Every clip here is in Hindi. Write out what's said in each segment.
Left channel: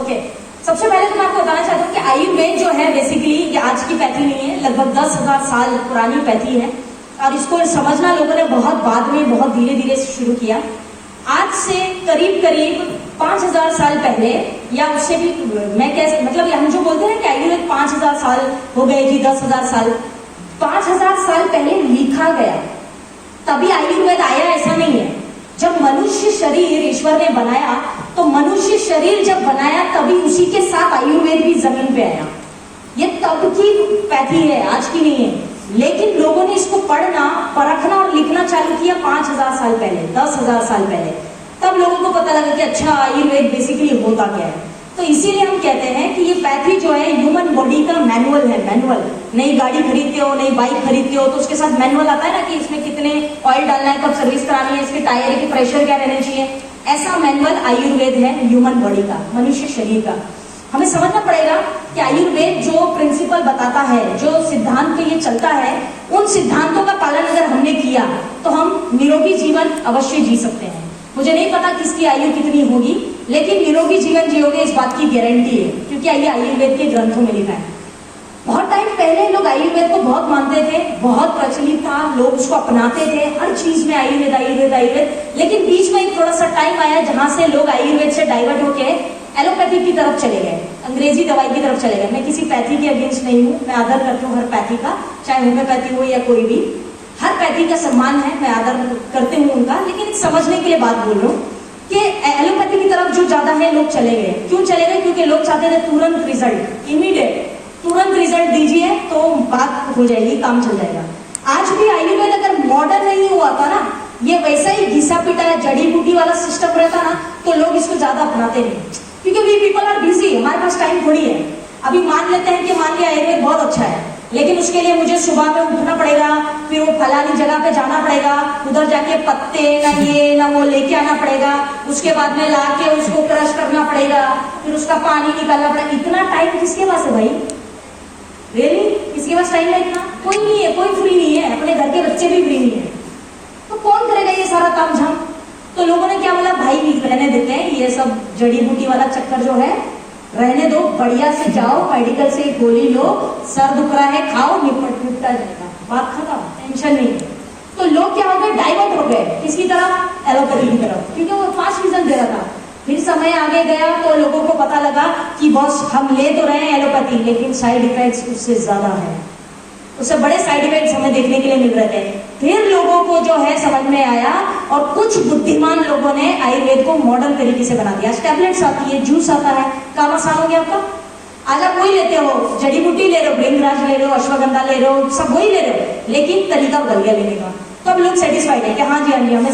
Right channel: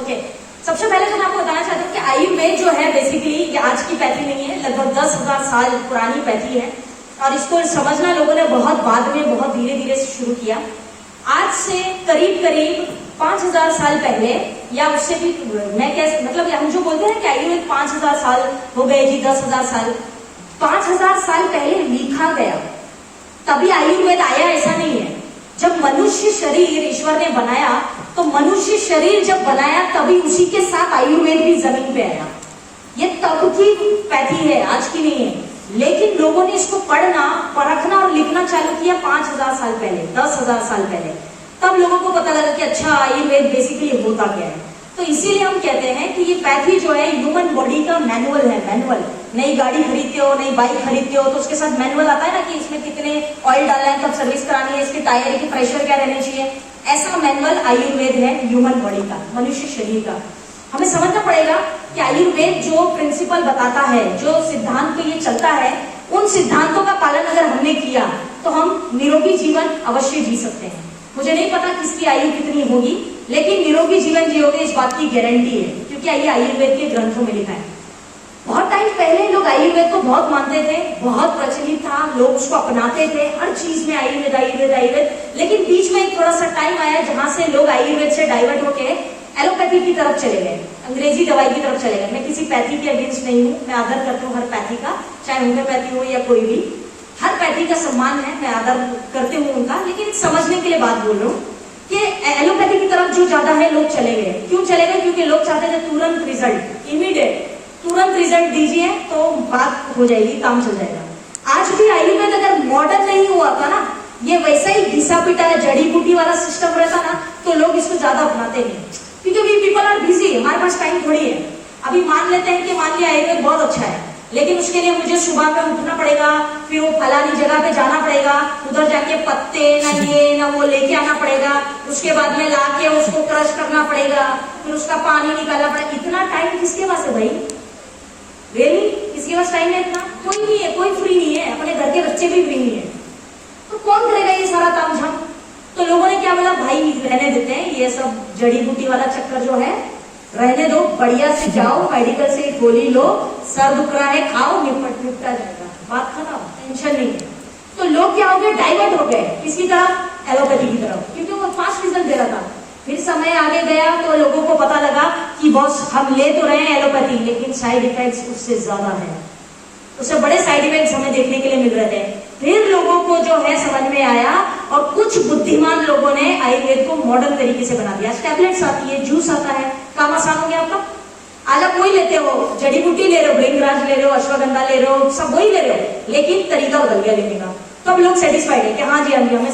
ओके, सबसे पहले तो मैं आपको बताना चाहता हूँ कि आयुर्वेद जो है बेसिकली ये आज की पैथी नहीं है, लगभग 10,000 साल पुरानी पैथी है और इसको समझना लोगों ने बहुत बाद में बहुत धीरे धीरे शुरू किया। आज से करीब करीब 5,000 साल पहले या उससे भी मैं कैसे मतलब हम जो बोलते हैं कि आयुर्वेद 5,000 साल हो गए जी, 10,000 साल, 5,000 साल पहले लिखा गया तभी आयुर्वेद आया ऐसा नहीं है। जब मनुष्य शरीर ईश्वर ने बनाया तो मनुष्य शरीर जब बनाया तभी उसी के साथ आयुर्वेद भी जमीन पे आया। ये तब की पैथी है, आज की नहीं है। लेकिन लोगों ने इसको पढ़ना, परखना और लिखना चालू किया 5,000 साल पहले, 10,000 साल पहले। तब लोगों को पता लगा कि अच्छा आयुर्वेद बेसिकली होता क्या है। तो इसीलिए हम कहते हैं कि ये पैथी जो है ह्यूमन बॉडी का मैनुअल है। मैनुअल, नई गाड़ी खरीदते हो, नई बाइक खरीदते हो तो उसके साथ मैनुअल आता है ना कि इसमें कितने ऑयल डालना है, कब सर्विस करानी है, इसके टायर की प्रेशर क्या रहना चाहिए। ऐसा मैनुअल आयुर्वेद है ह्यूमन बॉडी का, मनुष्य शरीर का। हमें समझना पड़ेगा कि आयुर्वेद जो प्रिंसिपल बताता है, जो सिद्धांत पे ये चलता है, उन सिद्धांतों का पालन अगर हमने किया तो हम निरोगी जीवन अवश्य जी सकते हैं। मुझे नहीं पता किसकी आयु कितनी होगी, लेकिन निरोगी जीवन जियोगे इस बात की गारंटी है, क्योंकि ये आयुर्वेद के ग्रंथों में लिखा है। बहुत टाइम पहले लोग आयुर्वेद को बहुत मानते थे, बहुत प्रचलित था, लोग उसको अपनाते थे, हर चीज में आयुर्वेद आयुर्वेद आयुर्वेद। लेकिन बीच में एक थोड़ा सा टाइम आया जहां से लोग आयुर्वेद से डाइवर्ट होके एलोपैथी की तरफ चले गए, अंग्रेजी दवाई की तरफ चले गए। मैं किसी पैथी के अगेंस्ट नहीं हूँ, मैं आदर करती हूँ हर पैथी का, चाहे होम्योपैथी हो या कोई भी, हर पैथी का सम्मान है, मैं आदर करती हूँ उनका। लेकिन समझने के लिए बात बोल रहा हूँ कि एलोपैथी की तरफ जो ज्यादा है लोग चले गए। क्यों चले गए? क्योंकि लोग चाहते थे तुरंत रिजल्ट, इमीडिएट, तुरंत रिजल्ट दीजिए तो बात हो जाएगी, काम चल जाएगा। आज भी आयुर्वेद अगर मॉडर्न नहीं हुआ था ना, ये वैसा ही घिसा पिटा जड़ी बूटी वाला सिस्टम रहता ना, तो लोग इसको ज्यादा अपनाते नहीं, क्योंकि वी पीपल आर बिजी, हमारे पास टाइम थोड़ी है। अभी मान लेते हैं कि मान लिया आयुर्वेद बहुत अच्छा है, लेकिन उसके लिए मुझे सुबह में उठना पड़ेगा, फिर वो फलानी जगह पे जाना पड़ेगा, उधर जाके पत्ते ना ये ना वो लेके आना पड़ेगा, उसके बाद में लाके उसको क्रश करना पड़ेगा, फिर उसका पानी निकालना पड़ेगा। इतना टाइम किसके पास है भाई? रियली किसके पास टाइम है इतना? कोई नहीं है, कोई फ्री नहीं है, अपने घर के बच्चे भी फ्री नहीं है, तो कौन करेगा ये सारा काम झाम? तो लोगों ने क्या बोला, भाई रहने देते हैं ये सब जड़ी बूटी वाला चक्कर जो है, रहने दो, बढ़िया से जाओ मेडिकल से गोली लो, सर दुख रहा है खाओ, निपटा जाएगा, बात खत्म, टेंशन नहीं है। तो लोग क्या हो गए, डाइवर्ट हो गए किसकी तरफ? एलोपैथी की तरफ, क्योंकि वो फास्ट रिजल्ट दे रहा था। फिर समय आगे गया तो लोगों को पता लगा कि बॉस हम ले तो रहे हैं एलोपैथी, लेकिन साइड इफेक्ट्स उससे ज्यादा है, उससे बड़े साइड इफेक्ट्स हमें देखने के लिए मिल रहे थे। फिर लोगों को जो है समझ में आया और कुछ बुद्धिमान लोगों ने आयुर्वेद को मॉडर्न तरीके से बना दिया। टैबलेट्स आती है, जूस आता है, काम आसान हो गया आपका। आज आप वही लेते हो, जड़ी बूटी ले रहे हो, भृंगराज ले रहे हो, अश्वगंधा ले रहे हो, सब वही ले रहे हो, लेकिन तरीका बदल गया लेने का। तो अब लोग सेटिस्फाइड है कि हाँ जी हाँ जी हमें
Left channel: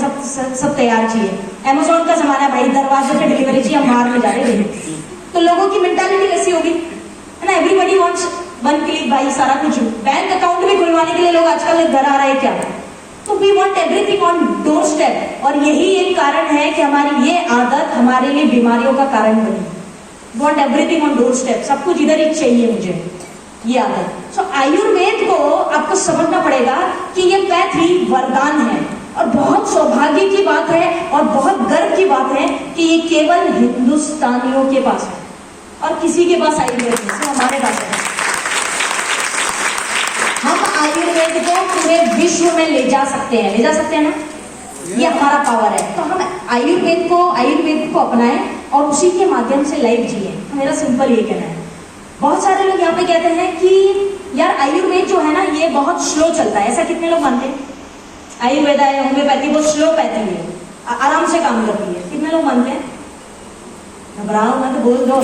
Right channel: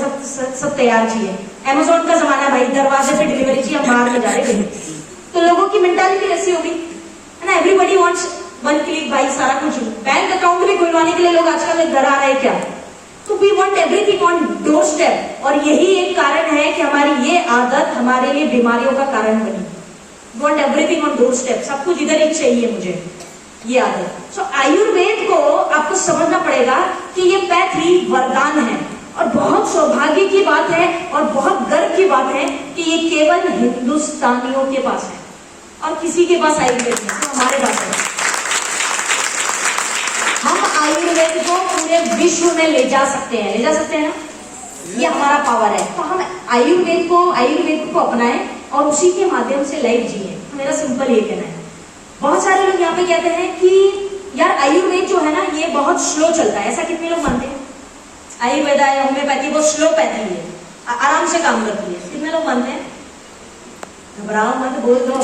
सब तैयार चाहिए। अमेजोन का जमाना है भाई, दरवाजे पे डिलीवरी चाहिए, हम बाहर में जा रहे हैं। तो लोगों की मेंटालिटी ऐसी होगी है ना, एवरीबडी वांट्स वन क्लिक भाई, सारा कुछ। बैंक अकाउंट भी खुलवाने के लिए लोग आजकल घर आ रहे हैं क्या? तो we want everything on doorstep, और यही एक कारण है कि हमारी ये आदत हमारे लिए बीमारियों का कारण बनी। Want everything on door step, सब कुछ इधर ही चाहिए मुझे, ये आदत। सो आयुर्वेद को आपको समझना पड़ेगा कि ये पैथी वरदान है, और बहुत सौभाग्य की बात है और बहुत गर्व की बात है कि ये केवल हिंदुस्तानियों के पास है और किसी के पास आयुर्वेद नहीं, हमारे पास है। हम आयुर्वेद को पूरे विश्व में ले जा सकते हैं, ले जा सकते हैं ना, ये हमारा पावर है। तो हम आयुर्वेद को अपनाएं और उसी के माध्यम से लाइफ जिए। मेरा सिंपल ये कहना है। बहुत सारे लोग यहाँ पे कहते हैं कि यार आयुर्वेद जो है ना ये बहुत स्लो चलता है, ऐसा कितने लोग मानते हैं? आयुर्वेद है, होम्योपैथी वो स्लो पैथी है, आराम से काम करती है, कितने लोग मानते हैं? घबराओ मत, बोल दो।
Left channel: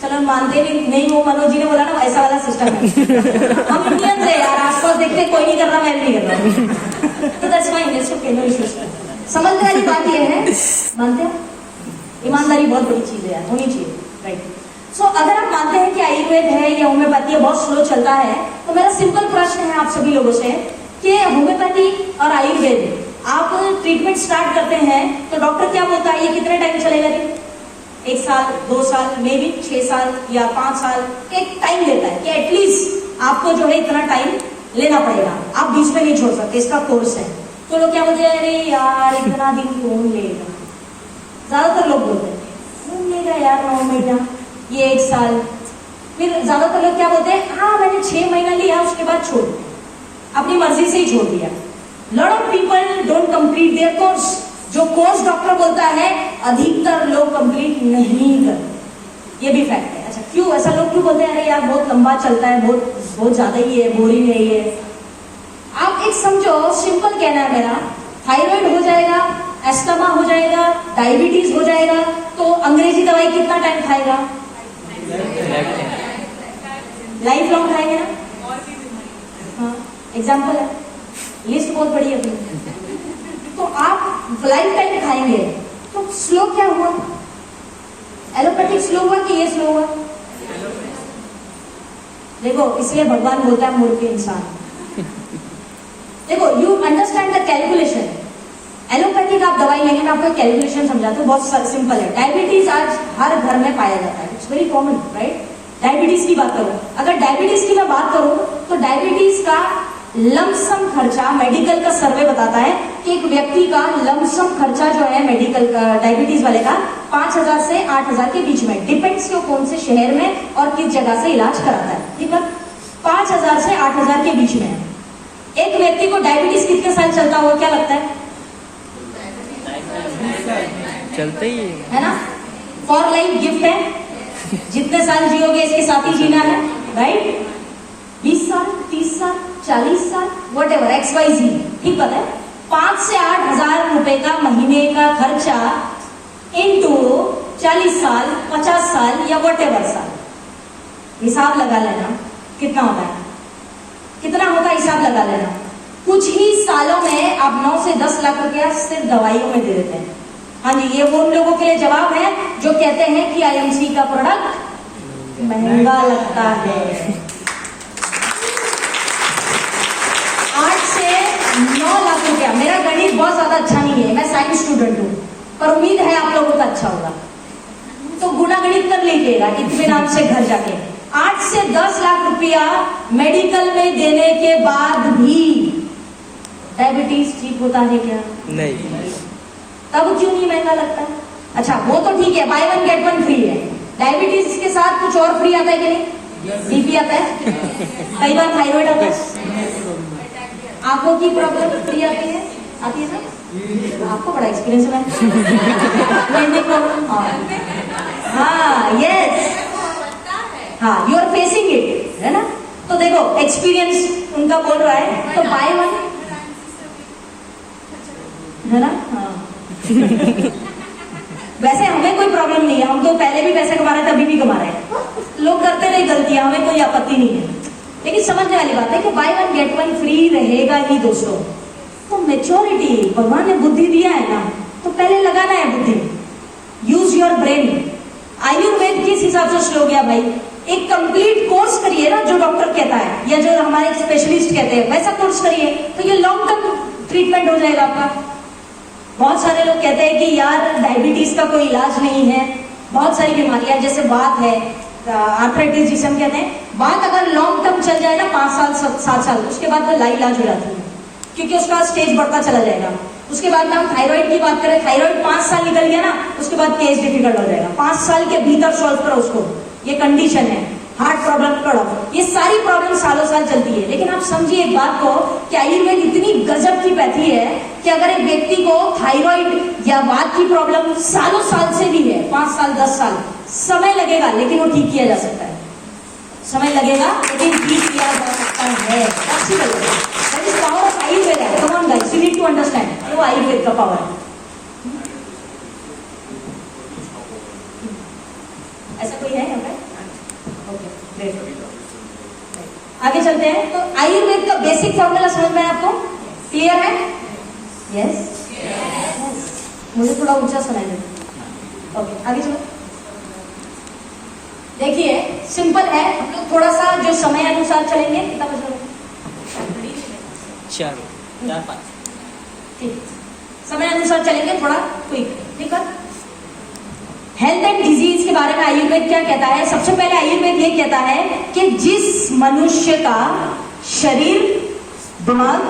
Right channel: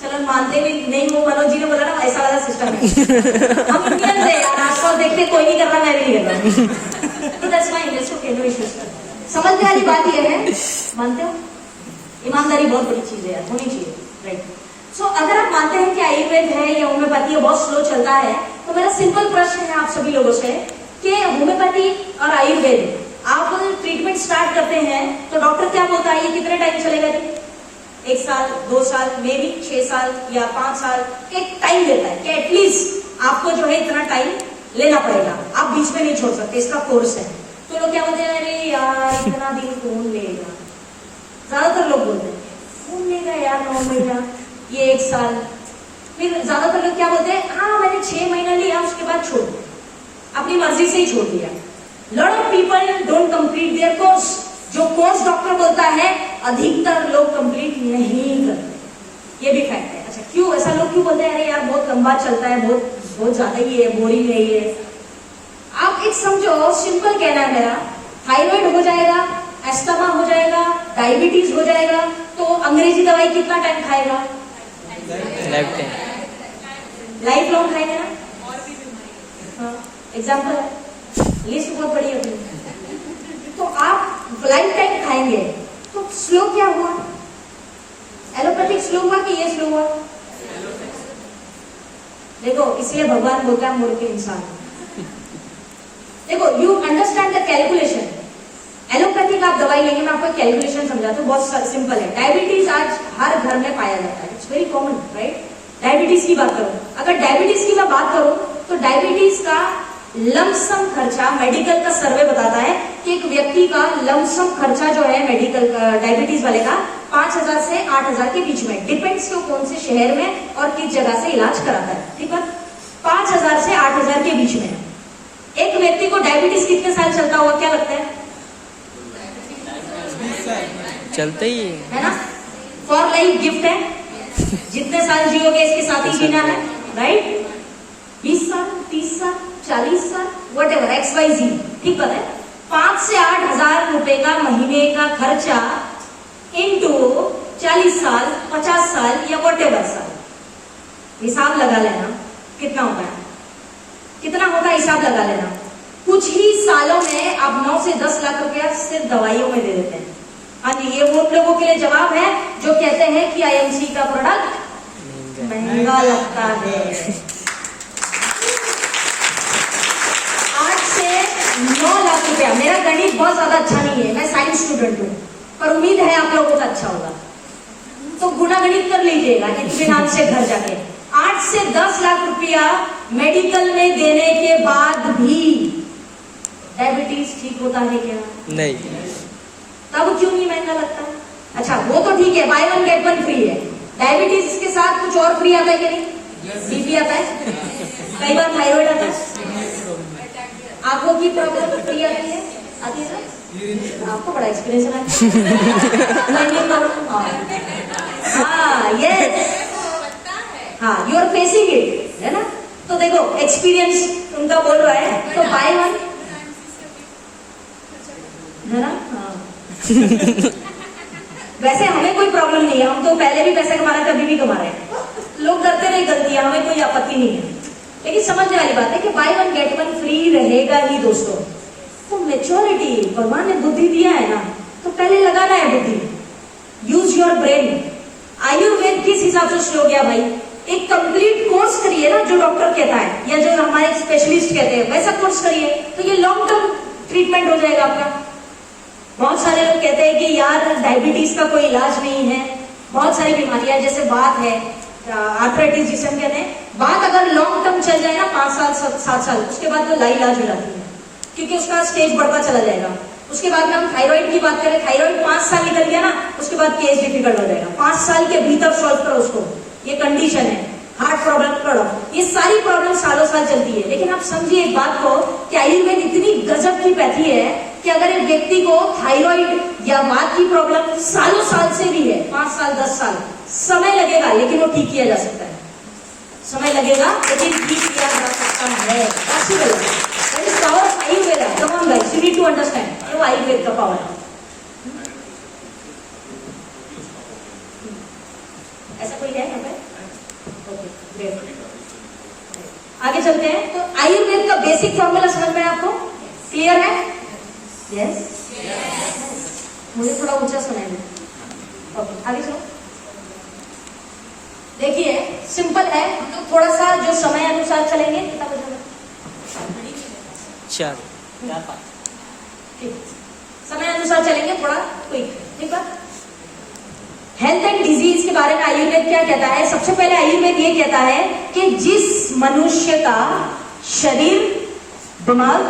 चलो मानते नहीं वो मनोज जी ने बोला ना ऐसा वाला सिस्टम है। हम इंडियन है यार, आसपास देखते कोई नहीं कर रहा, मैं भी नहीं कर रहा, तो that's my interest. Okay, no issues. समझने वाली बात ये है, मानते हो ईमानदारी बहुत बड़ी चीज है यार, होनी चाहिए, राइट? सो अगर आप मानते हैं कि आयुर्वेद है या होम्योपैथी है बहुत स्लो चलता है, तो मेरा सिंपल प्रश्न है आप सभी लोगों से कि होम्योपैथी और आयुर्वेद आप ट्रीटमेंट स्टार्ट करते हैं तो डॉक्टर क्या बोलता है, ये कितने टाइम चलेगा जी? 1 साल, 2 साल, मे बी 6 साल या 5 साल, एक टाइम देता है कि एटलीस्ट आपको जो है इतना टाइम लेना पड़ेगा, आप बीच में नहीं छोड़ सकते, इसका कोर्स है। तो लोग क्या बोलते हैं, अरे यार इतना दिन कौन लेगा, ज्यादातर लोग बोलते हैं। महीना, ये 1 साल। फिर ज्यादातर लोग क्या बोलते हैं, हाँ मैंने 6 महीना लिया, उसके बाद छोड़ दिया, अपनी मर्जी से ही छोड़ दिया। Lot of people don't complete their course. जो कोर्स डॉक्टर बोलता है अधिकतर लोग कंप्लीट नहीं करते, ये भी फैक्ट है। अच्छा क्यों ऐसा लोग क्यों बोलते हैं, अरे यार बहुत लंबा चलता है, बहुत ज्यादा ही है, बोरिंग है ये। आप एक समझो, सिंपल कहना है मेरा, थायराइड हो जाएगा, एस्टमा हो जाएगा, डायबिटीज हो जाएगा, तो अंग्रेजी दवाई कितना टाइम खाएगा? लाइफ लॉन्ग खाएगा ना। एग्जाम्पल है, लिस्ट बहुत बड़ी है अपनी। तो आप लाइफ टाइम खाएंगे, तो स्लो क्या हुआ? एलोपैथिक स्लो हुआ कि ये स्लो हुआ? देखो इसलिए भगवान बोलता है मूर्ख इंसान। देखो you understand the calculation. Allopathic आप दवाई लेंगे ना, आपको कैलकुलेशन समझाते हो, बहुत सिंपल है। डायबिटीज आज हर घर में पाया जाता है, it's very common, right? Diabetes की बात करो, अगर डायबिटीज की मैं बात करूं तो डायबिटीज का लमसम खर्चा, मेडिकल का सर्वे बताता है कि एक व्यक्ति का लमसम खर्चा जो है मेडिकल डायबिटीज वाले का 5,000 से 8,000 के बीच में, डिपेंड्स तो कौन से शहर में और किस जगह से इलाज कराता है, ठीक है? 5,000 से 8,000 के बीच में। एक व्यक्ति को डायबिटीज कितने साल चलता होगा, क्या लगता है? चलते ही है ना? फॉर लाइफ गिफ्ट है, जितने साल जियोगे इसके साथ ही जीना है, राइट? 20 साल, 30 साल, 40 साल, वट एवर, XYZ, ठीक बात है। 5 से 8,000 रुपए का महीने का खर्चा इनटू 40 साल, 50 साल या वट एवर साल, हिसाब लगा लेना कितना होता है, कितना होगा हिसाब लगा लेना। कुछ ही सालों में आप 9 से 10 लाख रुपया सिर्फ दवाइयों में दे देते हैं। हाँ जी, ये वो लोगों के लिए जवाब है जो कहते हैं कि IMC का प्रोडक्ट महंगा लगता है। 8 से 9 लाख रुपया। मेरा गणित बहुत ज्यादा अच्छा नहीं है, मैं साइंस स्टूडेंट हूँ, पर उम्मीद है आप लोगों को अच्छा होगा, तो गुणा गणित कर लीजिएगा इत्मीनान से घर जाके। 8 से 10 लाख रुपया मेडिकल में देने के बाद भी डायबिटीज ठीक होता है क्या? नहीं। तब क्यों नहीं महंगा लगता? अच्छा वो तो ठीक है, बाय 1 गेट 1 फ्री है। डायबिटीज के साथ कुछ और फ्री आता है कि नहीं? बीपी आता है, कई बार थायराइड आता है, आंखों की प्रॉब्लम फ्री आती है ना? आपको बड़ा एक्सपीरियंस है। हाँ यस, हाँ यू आर फेसिंग इट, है ना? तो देखो एक्सपीरियंस उनका बोल रहा है, तो बाय 1, है ना? हाँ। वैसे हमें कोई प्रॉब्लम नहीं है, हम तो पहले भी पैसे कमा रहे थे, अभी भी कमा रहे हैं, लोग करते रहे गलतियां, हमें कोई आपत्ति नहीं है। लेकिन समझने वाली बात है कि बाय 1 गेट 1 फ्री रहेगा ही दोस्तों। तो मेच्योरिटी, भगवान ने बुद्धि दिया है ना, तो पहले लगाना है बुद्धि, यूज योर ब्रेन। आयुर्वेद किस हिसाब से स्लो गया भाई? एक कंप्लीट कोर्स करिए ना, जो डॉक्टर कहता है या जो हमारे स्पेशलिस्ट कहते हैं, वैसा कोर्स करिए, तो ये लॉन्ग टर्म ट्रीटमेंट हो जाएगा आपका। बहुत सारे लोग कहते हैं कि यार डायबिटीज का कोई इलाज नहीं है, बहुत सारी बीमारियां जैसे बात है, आर्थराइटिस जिसे हम कहते हैं, बात अगर लॉन्ग टर्म चल जाए ना 5 साल 7 साल, उसके बाद वो लाइलाज हो जाती है, क्योंकि उसका स्टेज बढ़ता चला जाएगा। उसके बाद में हम थायराइड की बात करें, थायराइड 5 साल निकल गया ना, उसके बाद केस डिफिकल्ट हो जाएगा। 5 साल के भीतर सॉल्व करो उसको, ये कंडीशन है। हार्ट प्रॉब्लम करो, ये सारी प्रॉब्लम सालों साल चलती है। लेकिन आप समझिए एक बात को कि आयुर्वेद इतनी गजब की पैथी है कि अगर एक व्यक्ति को थायराइड या वात की प्रॉब्लम सालों साल से भी है, 5 साल 10 साल, समय लगेगा लेकिन वो ठीक किया जा सकता है। समय लगेगा लेकिन ठीक किया जा सकता है। पॉसिबल है। That is power of Ayurveda. Come on guys, you need to understand, वो आयुर्वेद का पावर है। ऐसा कोई है यहाँ पे? आगे चलते हैं। तो आयुर्वेद का बेसिक फॉर्मूला समझ में आपको क्लियर है? यस? मुझे थोड़ा ऊंचा सुनाइए। ओके, आगे चलो। देखिए सिंपल है, हम लोग थोड़ा सा जो समय अनुसार चलेंगे। कितना बजे? 4-5। ठीक, समय अनुसार चलेंगे, थोड़ा क्विक, ठीक है? हेल्थ एंड डिजीज के बारे में आयुर्वेद क्या कहता है? सबसे पहले आयुर्वेद ये कहता है कि जिस मनुष्य का शरीर दिमाग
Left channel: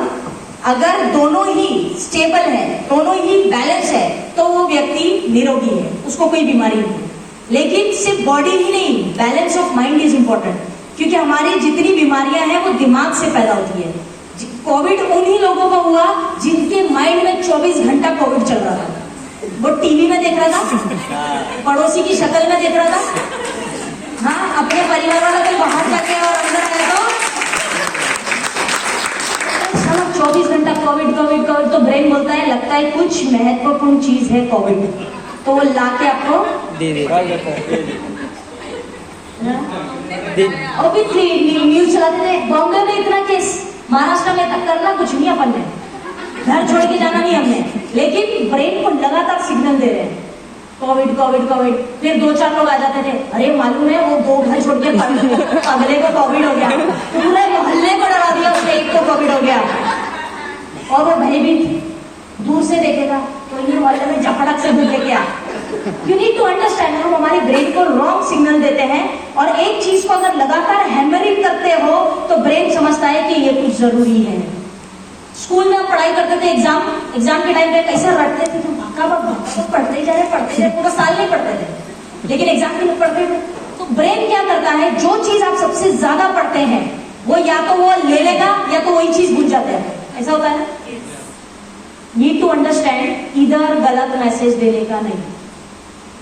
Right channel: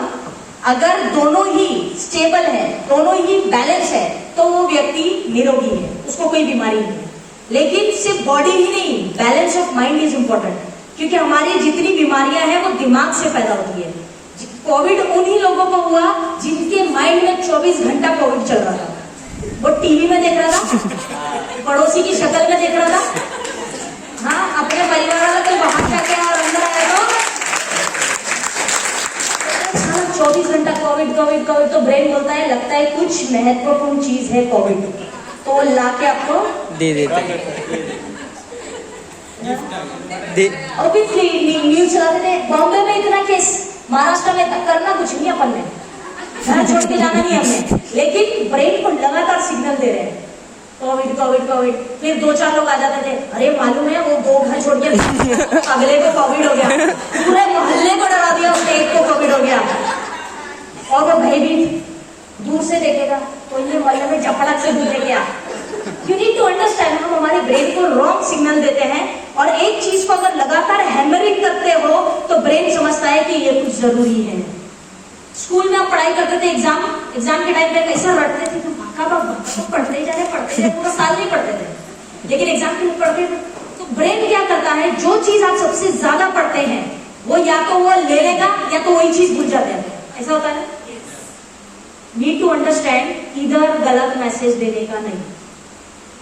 अगर दोनों ही स्टेबल है, दोनों ही बैलेंस है, तो वो व्यक्ति निरोगी है, उसको कोई बीमारी नहीं है। लेकिन सिर्फ बॉडी ही नहीं, balance of mind is important, क्योंकि हमारी जितनी बीमारियां हैं वो दिमाग से पैदा होती है। कोविड उन्हीं लोगों को हुआ जिनके माइंड में 24 घंटा कोविड चल रहा था। वो टीवी में देख रहा था, पड़ोसी की शक्ल में देख रहा था, हाँ अपने परिवार वाला तो बाहर जाके और अंदर आया तो 24 घंटा कोविड कोविड कोविड। तो ब्रेन बोलता है लगता है कुछ महत्वपूर्ण चीज है कोविड, तो वो ला के आपको दे दे ऑब्वियसली न्यूज चलाते थे। बॉम्बे में इतना केस, महाराष्ट्र में तक करना कुछ नहीं अपन ने, घर छोड़ के जाना नहीं हमने, लेकिन ब्रेन को लगातार सिग्नल दे रहे हैं कोविड कोविड कोविड। फिर 2-4 लोग आ जाते थे, अरे मालूम है वो 2 घर छोड़ के अगले को कोविड हो गया, पूरे मोहल्ले को डरा दिया, उससे एक को कोविड हो गया। और वो भयभीत दूर से देखेगा तो ये मोहल्ले में झपड़क से घूमते क्या। यू नीड टू अंडरस्टैंड, हम हमारी ब्रेन को रॉन्ग सिग्नल देते हैं, और एक चीज को अगर लगातार हैमरिंग करते हो तो ब्रेन समझता है कि ये कुछ जरूरी है। स्कूल में आप पढ़ाई करते थे, एग्जाम के टाइम पे कैसा रटते थे तुम, तो पढ़ते जा रहे पूरा साल नहीं पढ़ते थे, लेकिन एग्जाम के लिए पढ़ते थे। तो ब्रेन क्या करता है, जो चीज आप सबसे ज्यादा पढ़ते हैं वो या तो वो ले लेगा या तो वही चीज भूल जाते हैं, ऐसा होता है। नीड टू अंडरस्टैंड, इधर गलत मैसेज देने का नहीं।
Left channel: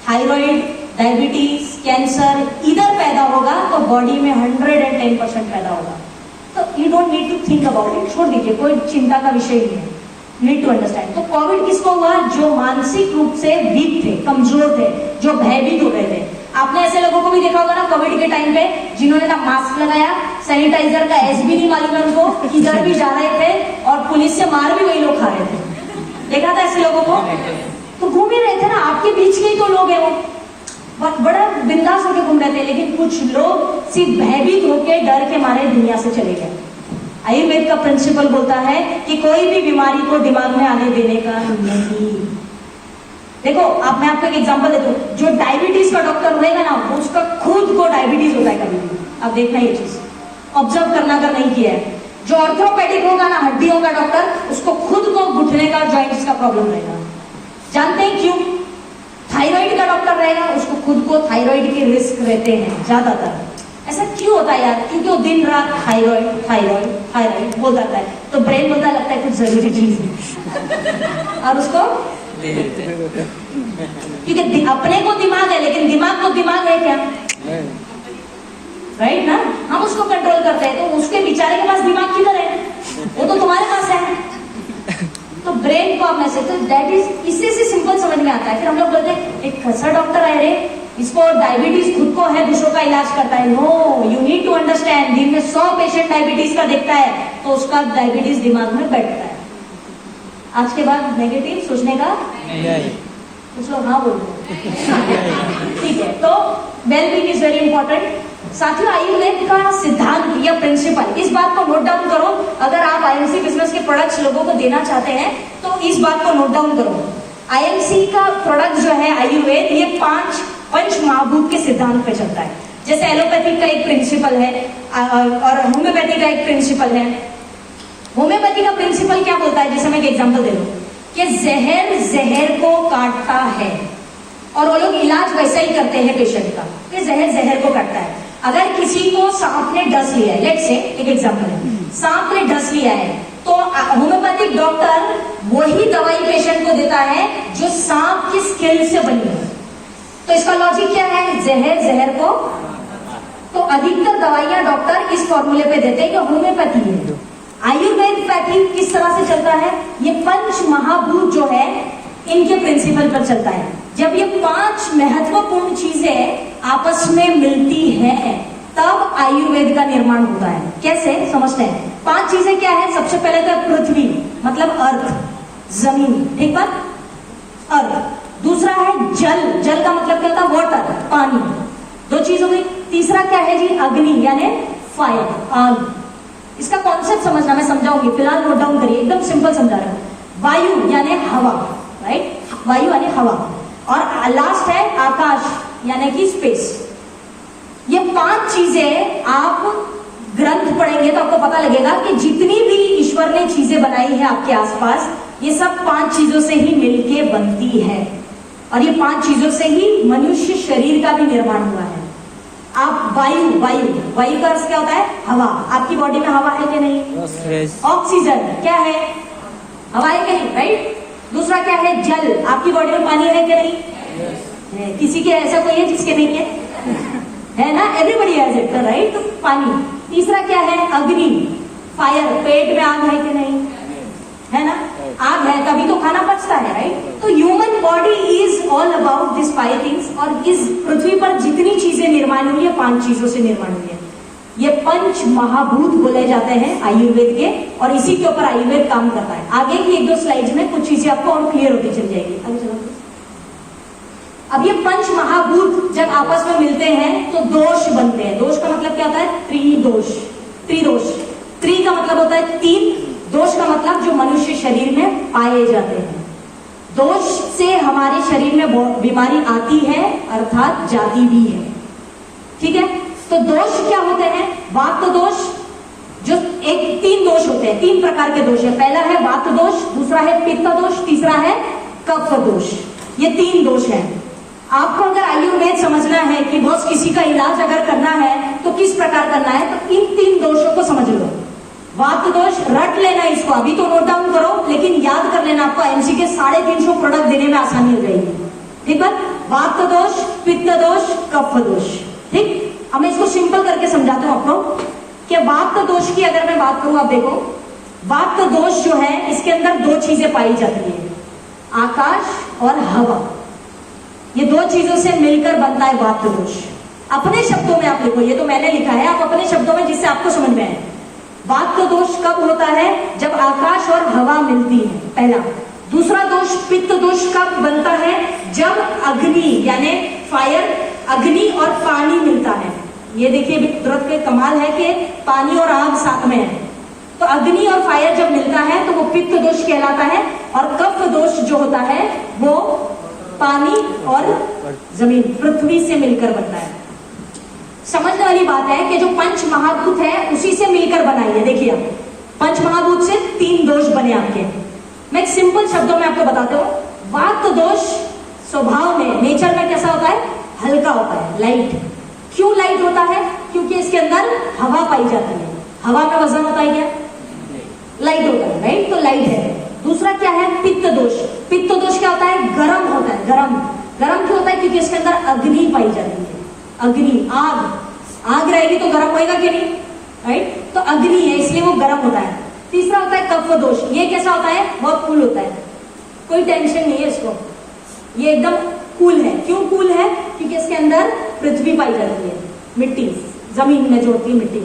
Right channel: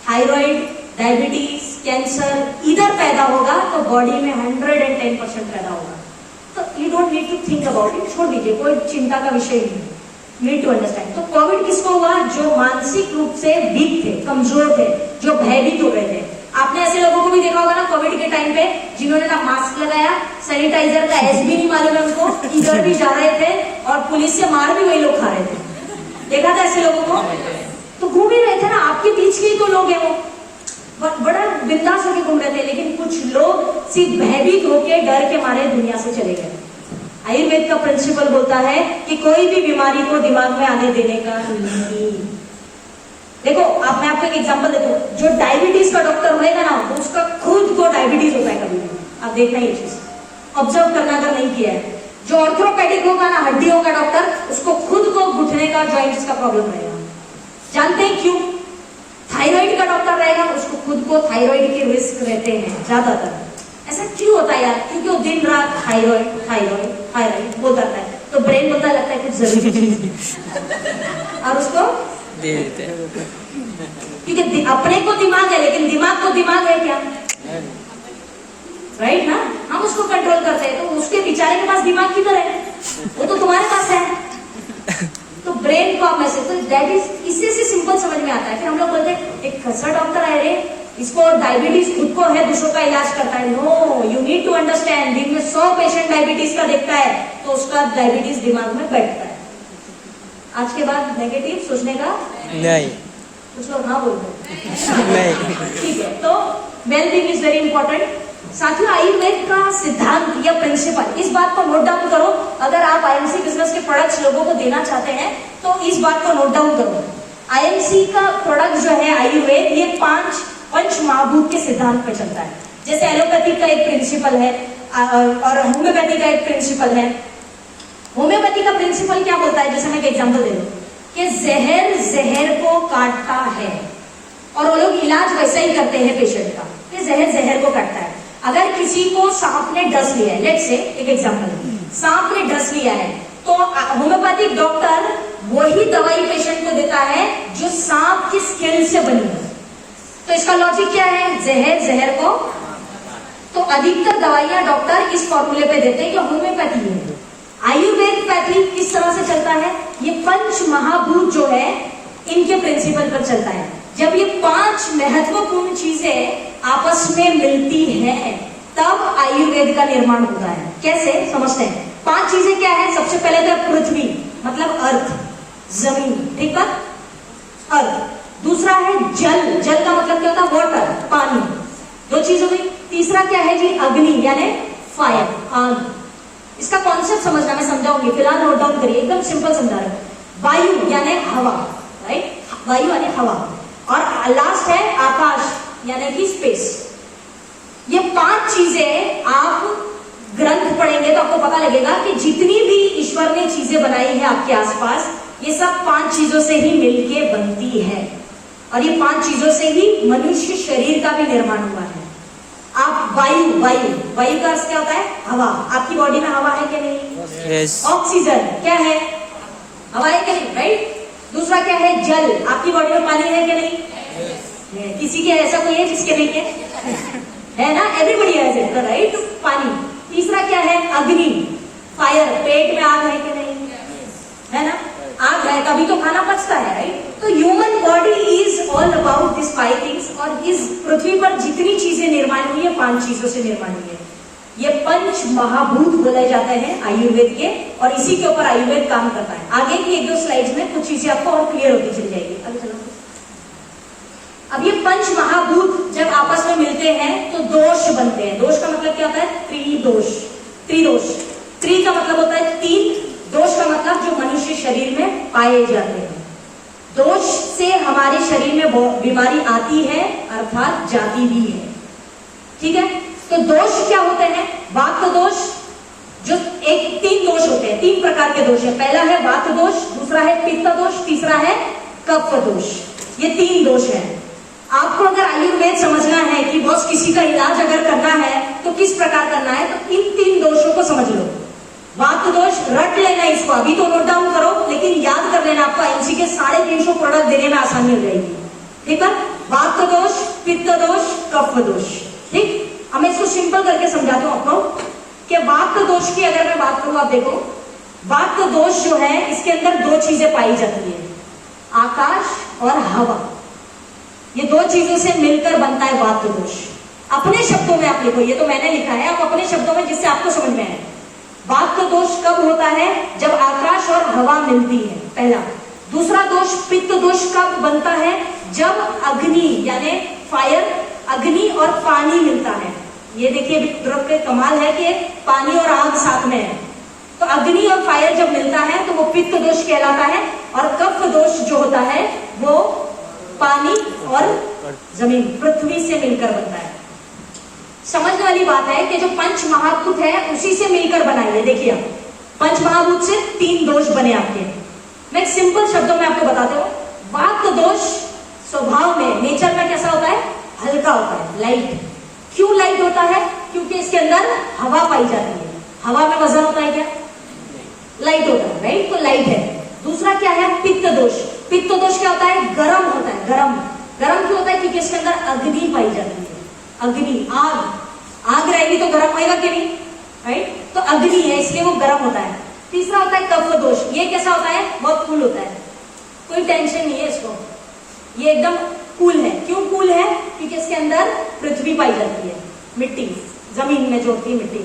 थायराइड, डायबिटीज, कैंसर इधर पैदा होगा तो बॉडी में 110% पैदा होगा। तो you don't need to think about it, छोड़ दीजिए, कोई चिंता का विषय नहीं है। Need to understand. तो कोविड किसको हुआ, जो मानसिक रूप से वीक थे, कमजोर थे, जो भयभीत हो गए थे। आपने ऐसे लोगों को भी देखा होगा ना कोविड के टाइम पे, जिन्होंने ना मास्क लगाया, सैनिटाइजर का एस भी नहीं मालूम है उनको, किधर भी जा रहे थे और पुलिस से मार भी वही लोग खा रहे थे। देखा था ऐसे लोगों को, तो घूम ही रहे थे ना, आपके बीच के ही तो लोग हैं वो, बड़ा बिंदास होकर घूम रहे थे। लेकिन कुछ लोग सिर्फ भयभीत होकर डर के मारे दुनिया से चले गए। आयुर्वेद का प्रिंसिपल बोलता है कि कोई भी बीमारी को दिमाग में आने देने का नहीं। देखो आप, मैं आपको एक एग्जांपल देता हूँ, जो डायबिटीज का डॉक्टर होगा ना, तो उसका खुद को डायबिटीज होता है कभी भी, आप देखना ये चीज ऑब्जर्व करना अगर नहीं किया है। जो ऑर्थोपेडिक होगा ना, हड्डियों का डॉक्टर, उसको खुद को घुटने का, जॉइंट्स का प्रॉब्लम रहेगा। जानते हैं क्यों? थायराइड का डॉक्टर रहेगा, उसको खुद को थायराइड के रिस्क रहते हैं ज्यादातर। ऐसा क्यों होता है यार? क्योंकि वो दिन रात थायराइड थायराइड थायराइड बोलता रहता है, तो ब्रेन बोलता लगता है कुछ जरूरी चीज है और उसको क्योंकि अपने को दिमाग है, लेकिन दिमाग को दिमाग है क्या? राइट ना? हम उसको कंट्रोल करते हैं, तो उसके बेचारे के पास दिमाग किधर है? वो तो तुम्हारे पास है। तो ब्रेन को मैसेज, दैट इज, इससे से सिंपल समझ में आता है। फिर हम लोग बोलते हैं एक कैसा डॉक्टर है रे, इसको डायबिटीज खुद को है, दूसरों का इलाज करता है। No, you need to understand, दिन में 100 पेशेंट डायबिटीज का देखता है, तो उसका डायबिटीज दिमाग में बैठता है। आज के बाद नेगेटिव सोचने का नहीं, कुछ लोग हाँ बोलते हैं, ठीक है। तो वेलबींग इज वेरी इंपॉर्टेंट। साथियों, आयुर्वेद का सिद्धांत या प्रिंसिपल, इस बात को नोट डाउन करो। अगर आप आईएमसी बिजनेस के प्रोडक्ट्स लोगों को देना चाहते हैं तो इस बात को नोट डाउन करो। आईएमसी का प्रोडक्ट जो है आयुर्वेद, ये 5 पंच महाभूत के सिद्धांत पे चलता है। जैसे एलोपैथी का एक प्रिंसिपल है और होम्योपैथी का एक प्रिंसिपल है। होम्योपैथी का प्रिंसिपल क्या बोलता है, जैसे मैं एक एग्जांपल दे दूं कि जहर जहर को काटता है, और वो लोग इलाज वैसा ही करते हैं पेशेंट का कि जहर जहर को काटता है। अगर किसी को सांप ने डस लिया है, लेट्स से एक एग्जांपल है, सांप ने डस लिया है, तो होम्योपैथिक डॉक्टर वही दवाई पेशेंट को देता है जो सांप की स्किल से बनी है। तो इसका लॉजिक क्या है? जहर जहर को, तो अधिकतर दवाइयां डॉक्टर इस फॉर्मूले पे देते हैं कि होम्योपैथी है। आयुर्वेद पैथी किस तरह से चलता है? ये पंच महाभूत जो है इनके प्रिंसिपल पर चलता है। जब ये 5 महत्वपूर्ण चीजें आपस में मिलती हैं तब आयुर्वेद का निर्माण होता है। कैसे समझते हैं? 5 चीजें क्या है? सबसे पहले तो पृथ्वी, मतलब अर्थ, जमीन, ठीक है, अर्थ। दूसरा है जल, जल का मतलब क्या होता है? वाटर, पानी, 2 चीज हो गई। तीसरा क्या है जी? अग्नि, यानी फायर, आग। इसका कॉन्सेप्ट समझना, मैं समझाऊंगी, फिलहाल नोट डाउन करिए, एकदम सिंपल समझा रहा हूं। वायु यानी हवा, राइट, वायु यानी हवा, और लास्ट है आकाश यानी कि स्पेस। ये 5 चीजें आप ग्रंथ पढ़ेंगे तो आपको पता लगेगा कि जितनी भी ईश्वर ने चीजें बनाई है आपके आसपास, ये सब 5 चीजों से ही मिलके बनती है। और ये 5 चीजों से ही मनुष्य शरीर का भी निर्माण हुआ है। आप वायु का अर्थ क्या होता है? हवा। आपकी बॉडी में हवा है कि नहीं? यस। ऑक्सीजन क्या है? हवा है कि नहीं? राइट। दूसरा क्या है? जल। आपकी बॉडी में पानी है कि नहीं? है। किसी के ऐसा कोई है जिसके नहीं है ना? Everybody has it, right? पानी। तीसरा क्या है? अग्नि, फायर। पेट में आग है कि नहीं? है ना? आग है तभी तो खाना पचता है, राइट? तो human body is all about this 5 things. और इस पृथ्वी पर जितनी चीजें निर्माण हुई है 5 चीजों से निर्माण हुई है। ये 5 महाभूत बोले जाते हैं आयुर्वेद के, और इसी के ऊपर आयुर्वेद काम करता है। आगे की 1-2 स्लाइड्स में कुछ चीजें आपको और क्लियर होती चली जाएगी। आगे चलो। अब ये 5 महाभूत जब आपस में मिलते हैं तो दोष बनते हैं। दोष का मतलब क्या होता है? त्रिदोष। त्रि का मतलब होता है 3, दोष का मतलब जो मनुष्य शरीर में पाए जाते हैं। दोष से हमारे शरीर में बीमारी आती है, अर्थात जाती भी है। ठीक है? तो दोष क्या होते हैं? वात दोष, जो 3 दोष होते हैं, 3 प्रकार के दोष है। पहला है वात दोष, दूसरा है पित्त दोष, तीसरा है कफ दोष। ये 3 दोष हैं। आपको अगर आयुर्वेद समझना है कि बॉस किसी का इलाज अगर करना है तो किस प्रकार करना है, तो इन 3 दोषों को समझ लो। वात दोष रट लेना, इसको अभी तो नोट डाउन करो, लेकिन याद कर लेना, आपको एमसी के 350 प्रोडक्ट देने में आसानी हो जाएगी। ठीक है? वात दोष, पित्त दोष, कफ दोष। ठीक, अब मैं इसको सिंपल करके समझाता हूं आपको कि वात दोष की अगर मैं बात करूं, आप देखो वात दोष जो है इसके अंदर 2 चीजें पाई जाती है, आकाश और हवा। ये 2 चीजों से मिलकर बनता है वात दोष। अपने शब्दों में आप लिखो, ये तो मैंने लिखा है, आप अपने शब्दों में जिससे आपको समझ में आए। वात दोष कब होता है? जब आकाश और हवा मिलती है, पहला। दूसरा दोष पित्त दोष कब बनता है? जब अग्नि यानी फायर, अग्नि और पानी मिलता है। ये देखिए कुदरत के कमाल है कि पानी और आग साथ में है। तो अग्नि और फायर जब मिलता है तो वो पित्त दोष कहलाता है। और कफ दोष जो होता है वो पानी और जमीन, पृथ्वी से मिलकर बनता है। समझने वाली बात है कि जो 5 महाभूत है उसी से मिलकर बनाई है। देखिए 5 महाभूत से 3 दोष बने आपके। मैं एक सिंपल शब्दों में आपको बताता हूं। वात दोष स्वभाव में, नेचर में कैसा होता है? हल्का होता है, लाइट। क्यों लाइट होता है? क्योंकि इसके अंदर हवा पाई जाती है। हवा में वजन होता है क्या? लाइट होता है, राइट? तो लाइट है। दूसरा क्या है? पित्त दोष। पित्त दोष क्या होता है? गर्म होता है। गर्म क्यों होता है? क्योंकि इसके अंदर अग्नि पाई जाती है। अग्नि, आग रहेगी तो गर्म होएगा कि नहीं? राइट? तो अग्नि है इसलिए वो गर्म होता है। तीसरा होता है कफ दोष। ये कैसा होता है? बहुत कूल होता है, कोई टेंशन नहीं है इसको, ये एकदम कूल है। क्यों कूल है? क्योंकि इसके अंदर पृथ्वी पाई जाती है, मिट्टी, जमीन में जो होती है मिट्टी।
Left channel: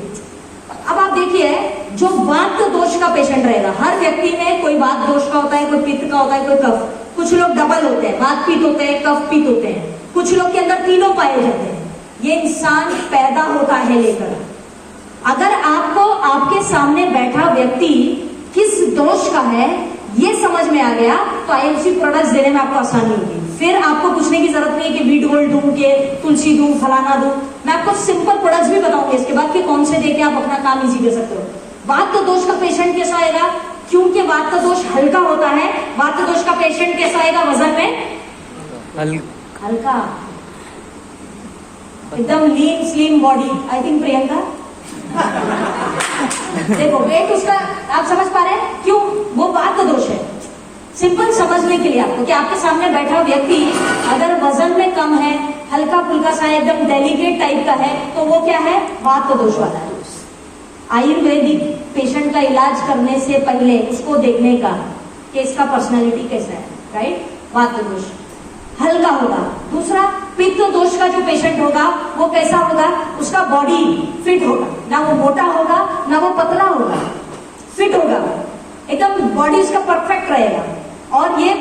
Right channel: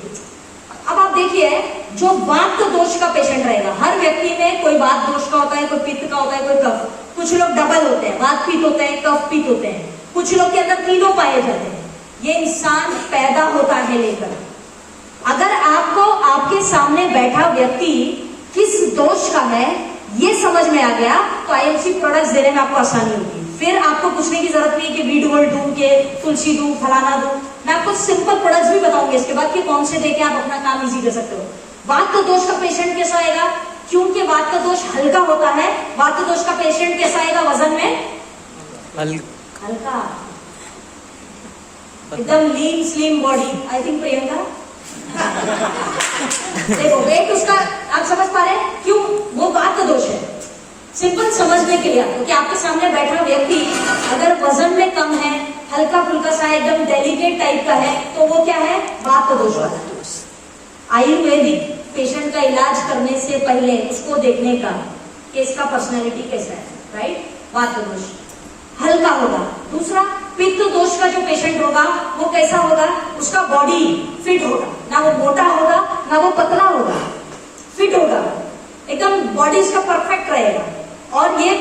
अब आप देखिए जो वात दोष का पेशेंट रहेगा, हर व्यक्ति में कोई वात दोष का होता है, कोई पित्त का होता है, कोई कफ। कुछ लोग डबल होते हैं, वात पित्त होते हैं, कफ पित्त होते हैं। कुछ लोग के अंदर तीनों पाए जाते हैं। ये इंसान पैदा होता है लेकर। अगर आपको आपके सामने बैठा व्यक्ति किस दोष का है ये समझ में आ गया तो आईएमसी प्रोडक्ट्स देने में आपको आसानी होगी। फिर आपको पूछने की जरूरत नहीं है कि वीट गोल्ड दूं के तुलसी दूं, फलाना दूं। मैं आपको सिंपल प्रोडक्ट्स भी बताऊंगी इसके बाद कि कौन से देके आप अपना काम इजी कर सकते हो। वात दोष का पेशेंट कैसा आएगा? क्योंकि वात दोष हल्का होता है, वात दोष का पेशेंट कैसा आएगा? वजन में हल्का, एकदम lean slim body. I think Priyanka देखो वेट उसका आप समझ पा रहे हैं क्यों? वो वात दोष है। सिंपल समझने के लिए आपको कि आपके सामने बैठा व्यक्ति अगर वजन में कम है, हल्का फुल्का सा एकदम डेलिकेट टाइप का है तो वो क्या है? वात दोष वाला है। आयुर्वेदिक पेशेंट का इलाज करने से पहले उसको देखने का कि इसका पर्सनैलिटी कैसा है, राइट? वात दोष हल्का होगा। दूसरा पित्त दोष का जो पेशेंट होगा वो कैसा होगा? उसका बॉडी फिट होगा, ना वो मोटा होगा ना वो पतला होगा, फिट होगा, एकदम बॉडी इसका परफेक्ट रहेगा। और ये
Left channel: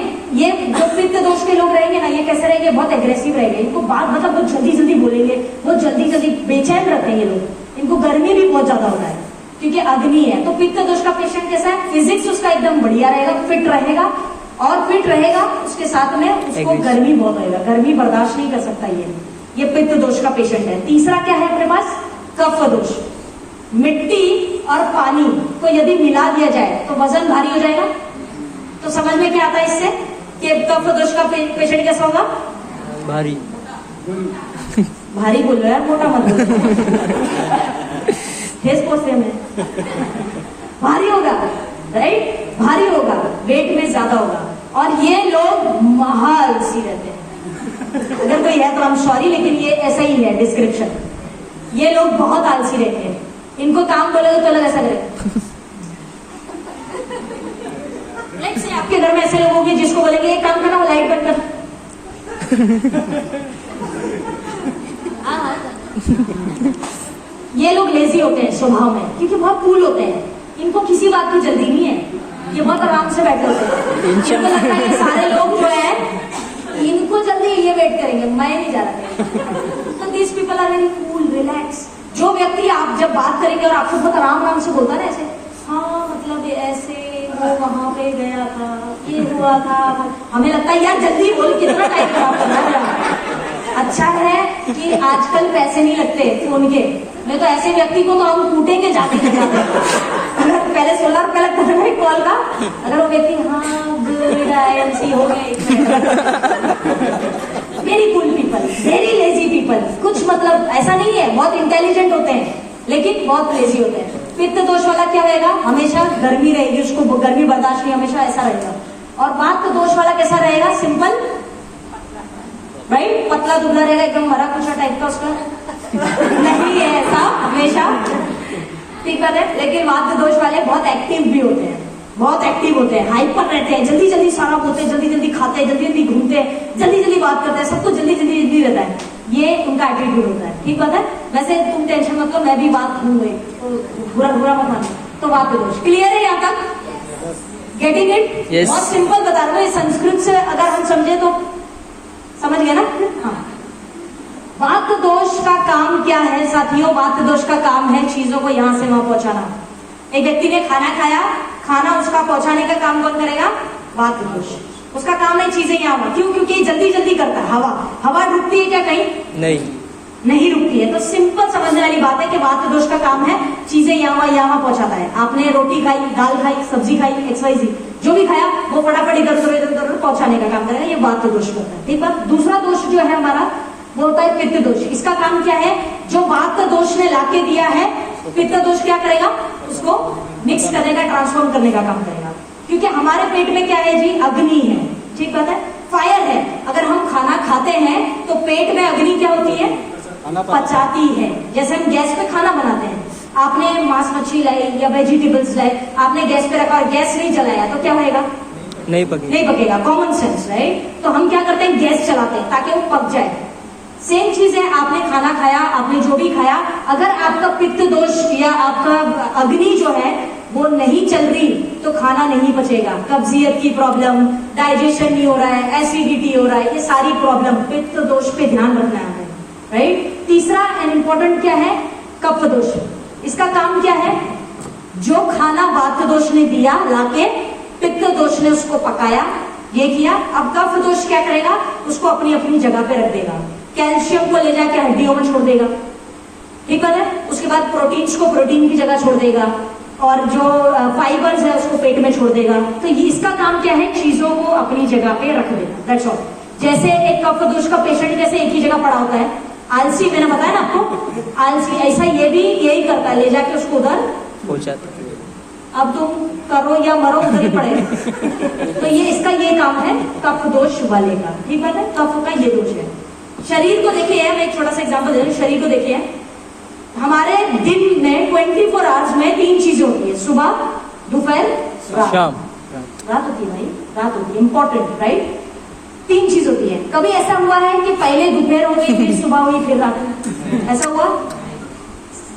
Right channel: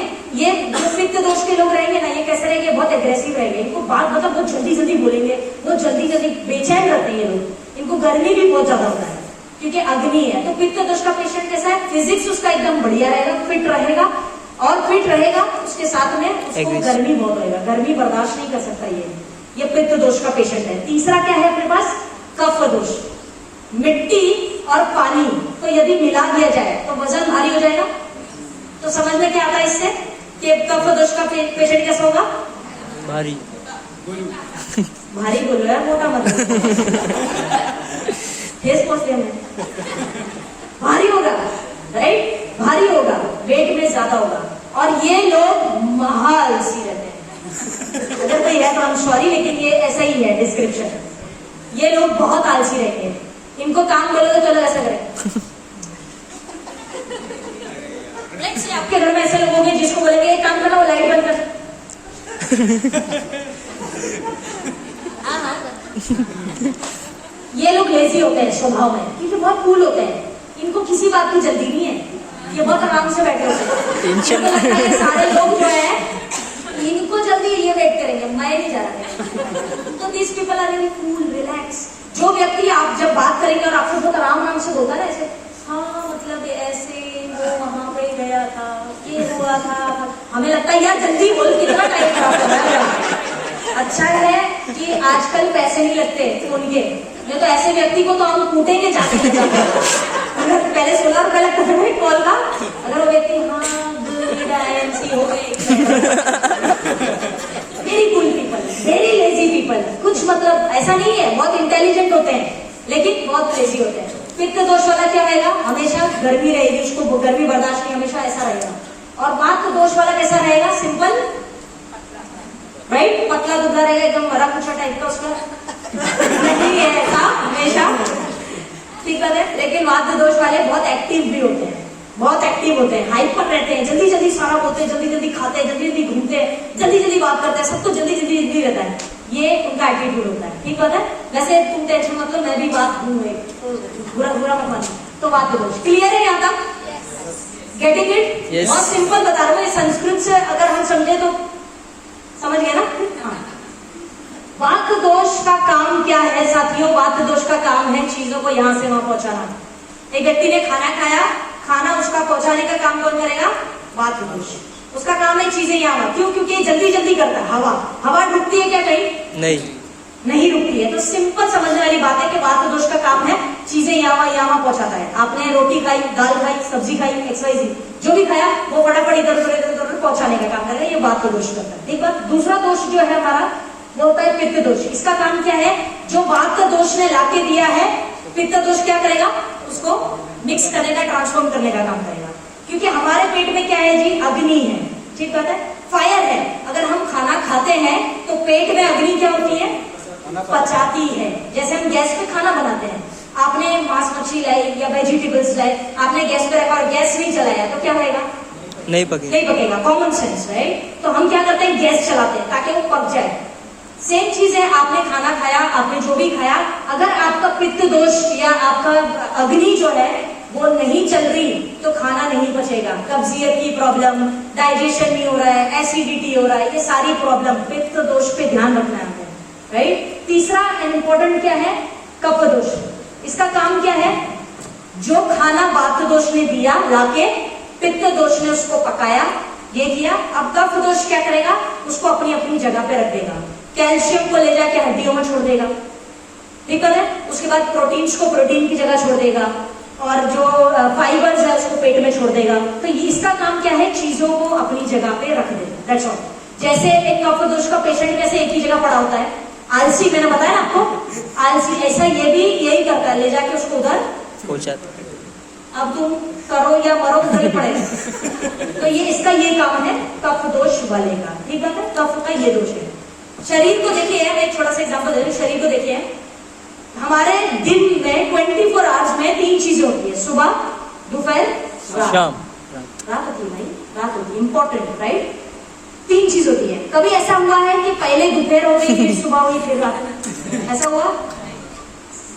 जो पित्त दोष के लोग रहेंगे ना, ये कैसे रहेंगे? बहुत एग्रेसिव रहेंगे। इनको बात मतलब बहुत जल्दी जल्दी बोलेंगे, बहुत जल्दी जल्दी बेचैन रहते हैं ये लोग। इनको गर्मी भी बहुत ज्यादा होता है क्योंकि अग्नि है। तो पित्त दोष का पेशेंट कैसा है? फिजिक्स उसका एकदम बढ़िया रहेगा, फिट रहेगा। और फिट रहेगा उसके साथ में उसको गर्मी बहुत होगा, गर्मी बर्दाश्त नहीं कर सकता ये पित्त दोष का पेशेंट है। तीसरा क्या है अपने पास? कफ दोष। मिट्टी और पानी को यदि मिला दिया जाए तो वजन भारी हो जाएगा। तो समझ में क्या आता है इससे? कि कफ दोष का पेशेंट कैसा होगा? भारी। भारी बोल रहा है, मोटा मत फेस पोस्टियम है, भारी होगा, राइट? भारी होगा, वेट में ज्यादा होगा, और ये लोग महाआलसी रहते हैं। अगर कोई है तो हम सॉरी, लेकिन ये ऐसा ही है डिस्क्रिप्शन। ये लोग बहुत आलसी रहते हैं, इनको काम बोलोगे तो लोग ऐसा करें। आपके घर में ऐसे लोग होंगे जिसको बोलेंगे एक काम करना, वो लाइट बंद कर। ये लोग लेजी होते हैं स्वभाव में, क्योंकि बहुत कूल होते हैं, इनको किसी बात की जल्दी नहीं है, ये बहुत आराम से बैठे होते हैं। इनको लगता है ये सारे लोग जो है इनको जल्दी ये वेट करेंगे, मैं नहीं जा रहा। तो this people are very cool, relax. जो व्यक्ति आप जब बात करेंगे और आपसे बहुत आराम से बोलता है ऐसे, हाँ मतलब ऐसे वो वहां पे गया था, ये हुआ था, हमें लगता है यार जल्दी बोल, कितना टाइम खराब कर रहा है। अच्छा है कि आजकल पैसे नहीं लगते फोन के, मैं तो ऐसे व्यक्ति को तो हम कूटेंगे जाते अगर पहले 16 रुपया लगता था एक कॉल का, अगर वो व्यक्ति हाँ हो गए। Very cool people, very lazy people. कुछ मतलब ऐसा नहीं है, बहुत इंटेलिजेंट होते हैं लेकिन बहुत लेजी होते हैं। पित्त दोष वाला क्या रहेगा? हमेशा गर्मी रहेगी, उसको गर्मी बर्दाश्त नहीं, हमेशा ऐसा रहेगा। और वात दोष वाला कैसा रहेगा? Simple, right? पतला दुबला रहेगा, एकदम मरा कुछ टाइप का उसका नहीं है ऐसा हमेशा, ठीक है। लेकिन वात दोष वाले बहुत एक्टिव भी होते हैं, बहुत एक्टिव होते हैं, हाइपर रहते हैं, जल्दी जल्दी सारा बोलते हैं, जल्दी जल्दी खाते हैं, जल्दी जल्दी घूमते हैं, जल्दी जल्दी बात करते हैं, सब कुछ जल्दी जल्दी जल्दी रहता है। ये उनका एटीट्यूड होता है, ठीक है। वैसे तुम टेंशन मत लो, मैं भी बात हूँ, बुरा बुरा मत मानो। तो वात दोष क्लियर है यहाँ तक? Getting it? Yes. बहुत सिंपल बता रहा हूँ, संस्कृत से अगर हम समझे तो समझ गए ना? हाँ। वात दोष का काम क्या है साथियों? वात दोष का काम है चीजों को यहां से वहां पहुंचाना। एक व्यक्ति ने खाना खाया, खाना उसका पहुंचाने का काम कौन करेगा? वात दोष। उसका काम है चीजें यहाँ, क्यों? क्योंकि जल्दी जल्दी करता है। हवा रुकती है क्या कहीं? नहीं रुकती है। तो सिंपल समझने वाली बात है कि वात दोष का काम है चीजें यहाँ पहुंचाता है। आपने रोटी खाई, दाल खाई, सब्जी खाई, XYZ जो भी खाया वो फटाफट इधर उधर पहुंचाने का काम करेगा, ये वात दोष करता है, ठीक है। दूसरा दोष जो है हमारा वो होता है पित्त दोष। इसका काम क्या है? जो वात दोष ने लाके दिया है, पित्त दोष क्या करेगा? उसको मिक्स करने का, ट्रांसफॉर्म करने का काम करेगा। क्योंकि हमारे पेट में क्या है जी? अग्नि है, ठीक बात है, फायर है। अगर हम खाना खाते हैं तो पेट में अग्नि क्या होती है? पचाती है। जैसे हम गैस पे खाना बनाते हैं, आपने मांस मछली लाई या वेजिटेबल्स लाई, आपने गैस पे रखा और गैस नहीं चलाया तो क्या होएगा? नहीं पकेगा। Common sense, right? तो हम क्या करते हैं? गैस चलाते हैं ताकि वो पक जाए। सेम चीज है, आपने खाना खाया, आपने जो भी खाया, अगर आपका पित्त दोष या आपका अग्नि जो है वो नहीं चल रही तो खाना नहीं पचेगा। कब्जियत की प्रॉब्लम, डाइजेशन नहीं हो रहा है, एसिडिटी हो रहा है, ये सारी प्रॉब्लम पित्त दोष पे ध्यान रखना है, राइट? तीसरा इम्पोर्टेंट क्या है? कफ दोष। इसका काम क्या है? जो खाना वात दोष ने दिया लाके, पित्त दोष ने उसको पकाया, ये किया। अब कफ दोष क्या करेगा? उसको अपनी अपनी जगह पे रख देगा। कैल्शियम को ले जाके हड्डियों में छोड़ देगा, ठीक है। उसके बाद प्रोटीन्स को प्रोटीन की जगह छोड़ देगा, और जो फाइबर्स है उसको पेट में छोड़ देगा। तो ये इसका काम क्या है? चीजों को अपनी जगह पे रख देना, दैट्स ऑल। जैसे एक कफ दोष का पेशेंट कैसे एक ही जगह पड़ा होता है, आलसी, मैंने बताया ना आपको, आलसी, ऐसा ये भी यही करता है, ले जाके उसको उधर पहुंचाता। अब तुम करो या मरो, उधर ही पड़ेगा। तो ये इसका ये काम है कफ दोष वाले का, ठीक है ना? कफ का ये दोष है। शरीर को देखिए यार, एक छोटा सा एग्जांपल दे दूं, शरीर को देखिए, हमारे दिन में 24 आवर्स में 3 चीजें होती है, सुबह, दोपहर, शाम। रात होती है भाई, रात होती है, इंपॉर्टेंट, राइट? 3 चीज होती है। कभी ऐसा हुआ है कि पहले दोपहर हो गई, फिर सुबह हुई, फिर रात? ऐसा हुआ?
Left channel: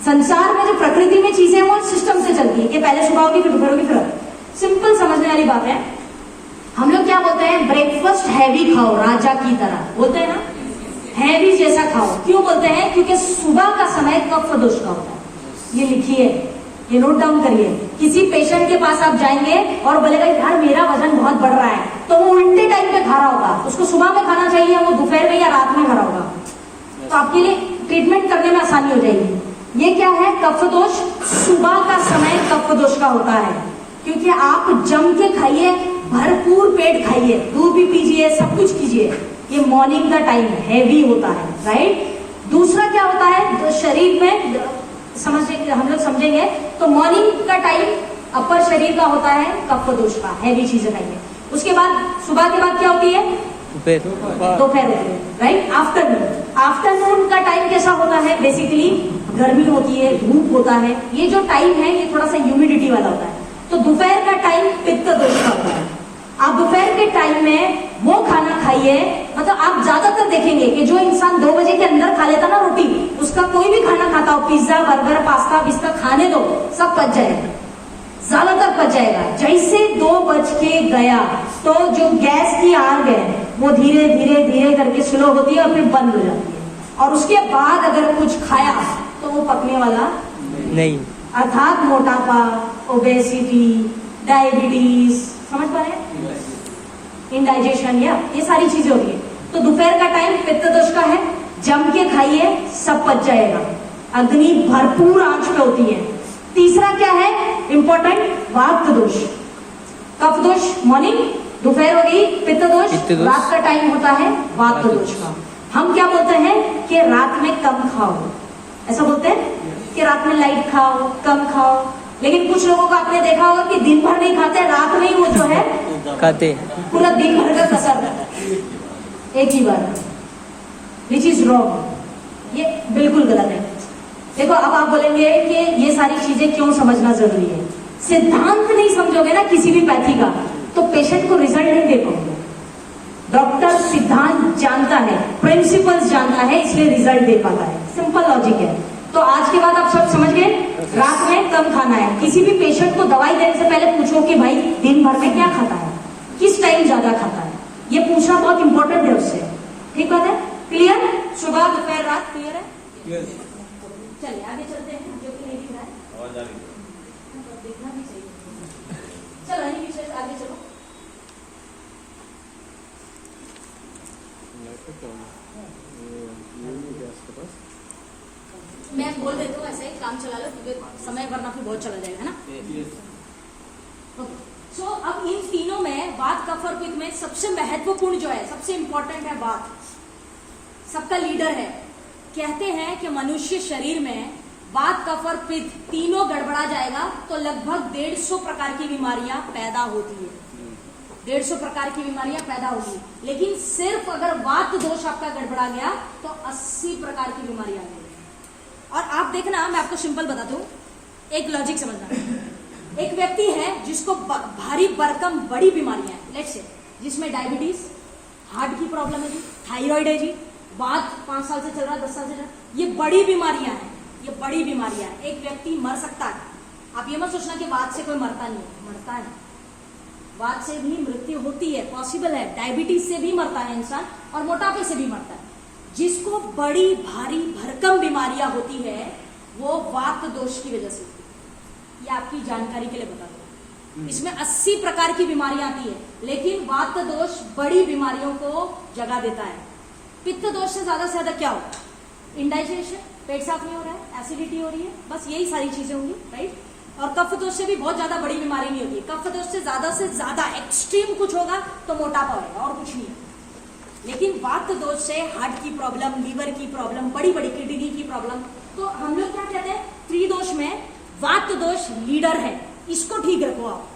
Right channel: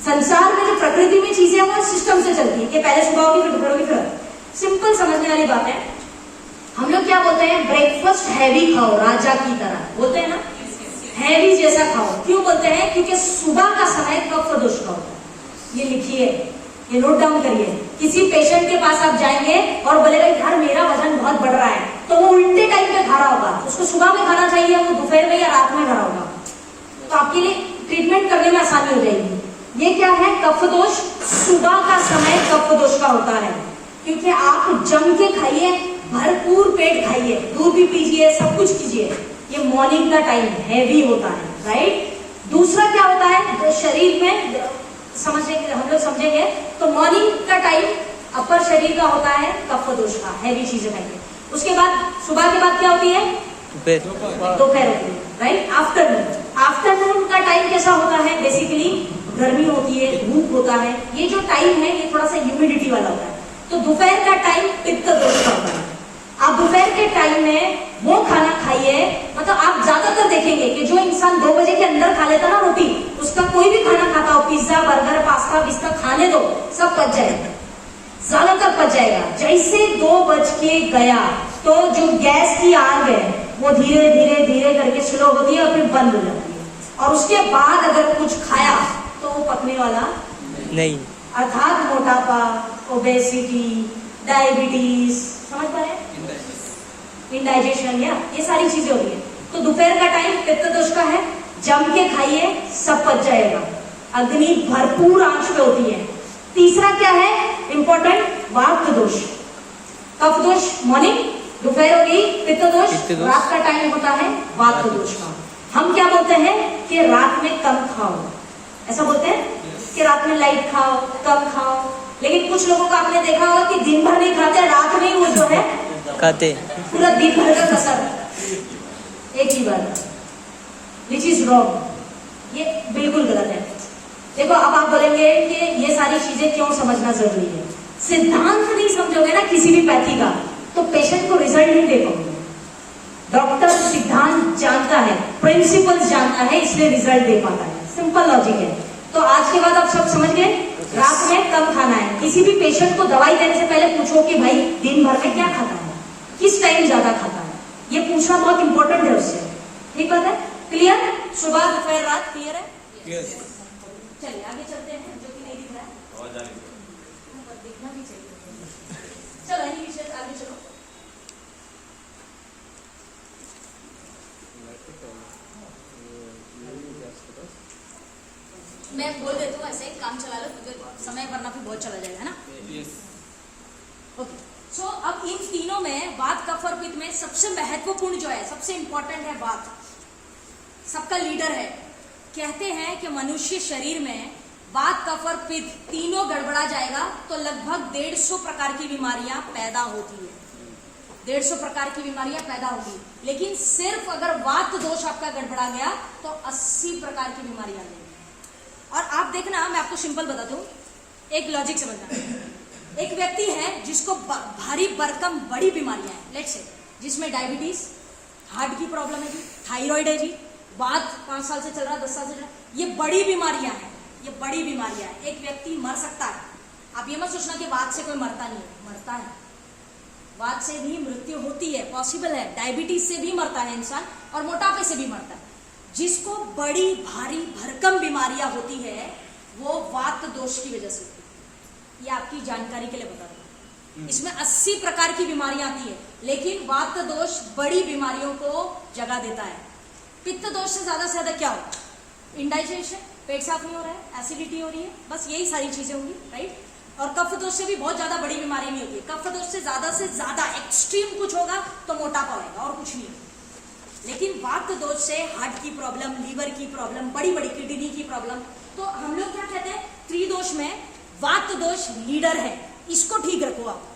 संसार में जो प्रकृति में चीजें हैं वो सिस्टम से चलती है कि पहले सुबह होगी, फिर दोपहर होगी, फिर रात। सिंपल समझने वाली बात है। हम लोग क्या बोलते हैं? ब्रेकफास्ट हैवी खाओ, राजा की तरह, बोलते हैं ना, हैवी जैसा खाओ। क्यों बोलते हैं? क्योंकि सुबह का समय कफ दोष का होता है। ये लिखिए, ये नोट डाउन करिए। किसी पेशेंट के पास आप जाएंगे और बोलेगा यार मेरा वजन बहुत बढ़ रहा है, तो वो उल्टे टाइम पे खा रहा होगा। उसको सुबह में खाना चाहिए, वो दोपहर में या रात में खा रहा होगा। तो आपके लिए ट्रीटमेंट करने में आसानी हो जाएगी। ये क्या है? कफ दोष। सुबह का समय कफ दोष का होता है, क्योंकि आप जम के खाइए, भरपूर पेट खाइए, दूध भी पीजिए, सब कुछ कीजिए। ये मॉर्निंग का टाइम हैवी होता है, राइट। दूसरा क्या होता है, तो शरीर में समझने के हम लोग समझेंगे तो मॉर्निंग का टाइम अपर शरीर का होता है कफ दोष का, हैवी चीजें खाइए। उसके बाद सुबह के बाद क्या होती है, दोपहर होती है, राइट। आफ्टरनून का टाइम कैसा होता है, बेसिकली गर्मी होती है, धूप होता है। ये जो टाइम है ये थोड़ा सा ह्यूमिडिटी वाला होता है। तो दोपहर का टाइम पित्त दोष का होता है। आप दोपहर के टाइम में वो खाना खाइए, मतलब आप ज्यादातर देखेंगे कि जो इंसान 2 बजे के अंदर खा लेता ना रोटी, उसका कोई भी खाना खाता हो, पिज्जा बर्गर पास्ता बिस्ता खाने दो, सब पच जाएगा, ज्यादातर पच जाएगा। जैसे 2 बज के गया तो जो गैस की आग है वो धीरे धीरे धीरे करके स्लो होती है और फिर बंद हो जाती है। और उसके बाद अगर कुछ खाया तो वो पकने वाला नहीं, अर्थात मोटापा, ओबेसिटी, डायबिटीज, समझ पा रहे हैं, इंडाइजेशन, या ये सारी चीजें होती है। तो दोपहर का टाइम पित्त दोष का है, जम के खाइए, सब पच जाएगा। अग्नि भरपूर आंच पे होती है। तीसरा क्या है इंपॉर्टेंट, वात दोष, कफ दोष मॉर्निंग, दोपहर हो गई पित्त दोष, रात का टाइम होता है वात दोष का। हम क्या बोलते हैं कि रात में कम खाओ, ऐसा बोलते हैं कि रात में लाइट खाओ, कम खाओ। लेकिन कुछ लोगों को आपने देखा होगा कि दिन भर नहीं खाते, रात में वो जो है खाते, पूरा दिन भर का कसर एक ही बार, विच इज रॉन्ग, ये बिल्कुल गलत है। देखो अब आप बोलेंगे कि ये सारी चीजें क्यों समझना जरूरी है। सिद्धांत नहीं समझोगे ना किसी भी पैथी का तो पेशेंट को रिजल्ट नहीं दे पाओगे। डॉक्टर सिद्धांत जानता है, प्रिंसिपल्स जानता है, इसलिए रिजल्ट दे पाता है। सिंपल लॉजिक है। तो आज के बाद आप सब समझ गए, रात में कम खाना है। किसी भी पेशेंट को दवाई देने से पहले पूछो कि भाई दिन भर में क्या खाता है, किस टाइम ज्यादा खाता है, ये पूछना बहुत इंपॉर्टेंट रहस्य है। ठीक बात है, क्लियर? सुबह दोपहर रात क्लियर है? यस। चलिए आगे चलते हैं, जो कि नहीं दिख रहा है, दिखना भी चाहिए। चलो इन्हीं विषय से आगे चलो। मैं बोल देती हूँ ऐसे काम चला लो, क्योंकि समय वरना फिर बहुत चला जाएगा, है ना। सो अब इन तीनों में वात कफ और पित्त में सबसे महत्वपूर्ण जो है, सबसे इंपॉर्टेंट है वात, सबका लीडर है। कहते हैं कि मनुष्य शरीर में वात कफ और पित्त तीनों गड़बड़ा जाएगा तो लगभग 150 प्रकार की बीमारियां पैदा होती है। 150 प्रकार की बीमारियां पैदा होगी। लेकिन सिर्फ अगर वात दोष आपका गड़बड़ा गया तो 80 प्रकार की बीमारी आ जाएगी। और आप देखना, मैं आपको सिंपल बता दूं, एक लॉजिक समझना। एक व्यक्ति है जिसको भारी भरकम बड़ी बीमारियां हैं, लेट्स से जिसमें डायबिटीज, हार्ट की प्रॉब्लम है जी, थायराइड है जी, वात 5 साल से चल रहा है, 10 साल से चल रहा है, ये बड़ी बीमारियां हैं, ये बड़ी बीमारियां हैं। एक व्यक्ति मर सकता है। आप ये मत सोचना कि वात से कोई मरता नहीं, मरता है, वात से भी मृत्यु होती है, पॉसिबल है। डायबिटीज से भी मरता है इंसान और मोटापे से भी मरता है। जिसको बड़ी भारी भरकम बीमारियां होती है वो वात दोष की वजह से होती है। ये आपकी जानकारी के लिए बता दूं, इसमें 80 प्रकार की बीमारियां आती है, लेकिन वात दोष बड़ी बीमारियों को जगह देता है। पित्त दोष से ज्यादा क्या होता है, इंडाइजेशन, पेट साफ नहीं हो रहा है, एसिडिटी हो रही है, बस यही सारी चीजें होंगी, राइट। और कफ दोष से भी बहुत ज्यादा बड़ी बीमारी नहीं होती है। कफ दोष से ज्यादा एक्सट्रीम कुछ होगा तो मोटापा होगा और कुछ नहीं। लेकिन वात दोष से हार्ट की प्रॉब्लम, लीवर की प्रॉब्लम, बड़ी बड़ी किडनी की प्रॉब्लम। तो हम लोग क्या कहते हैं, त्रिदोष में वात दोष लीडर है, इसको ठीक रखो आप।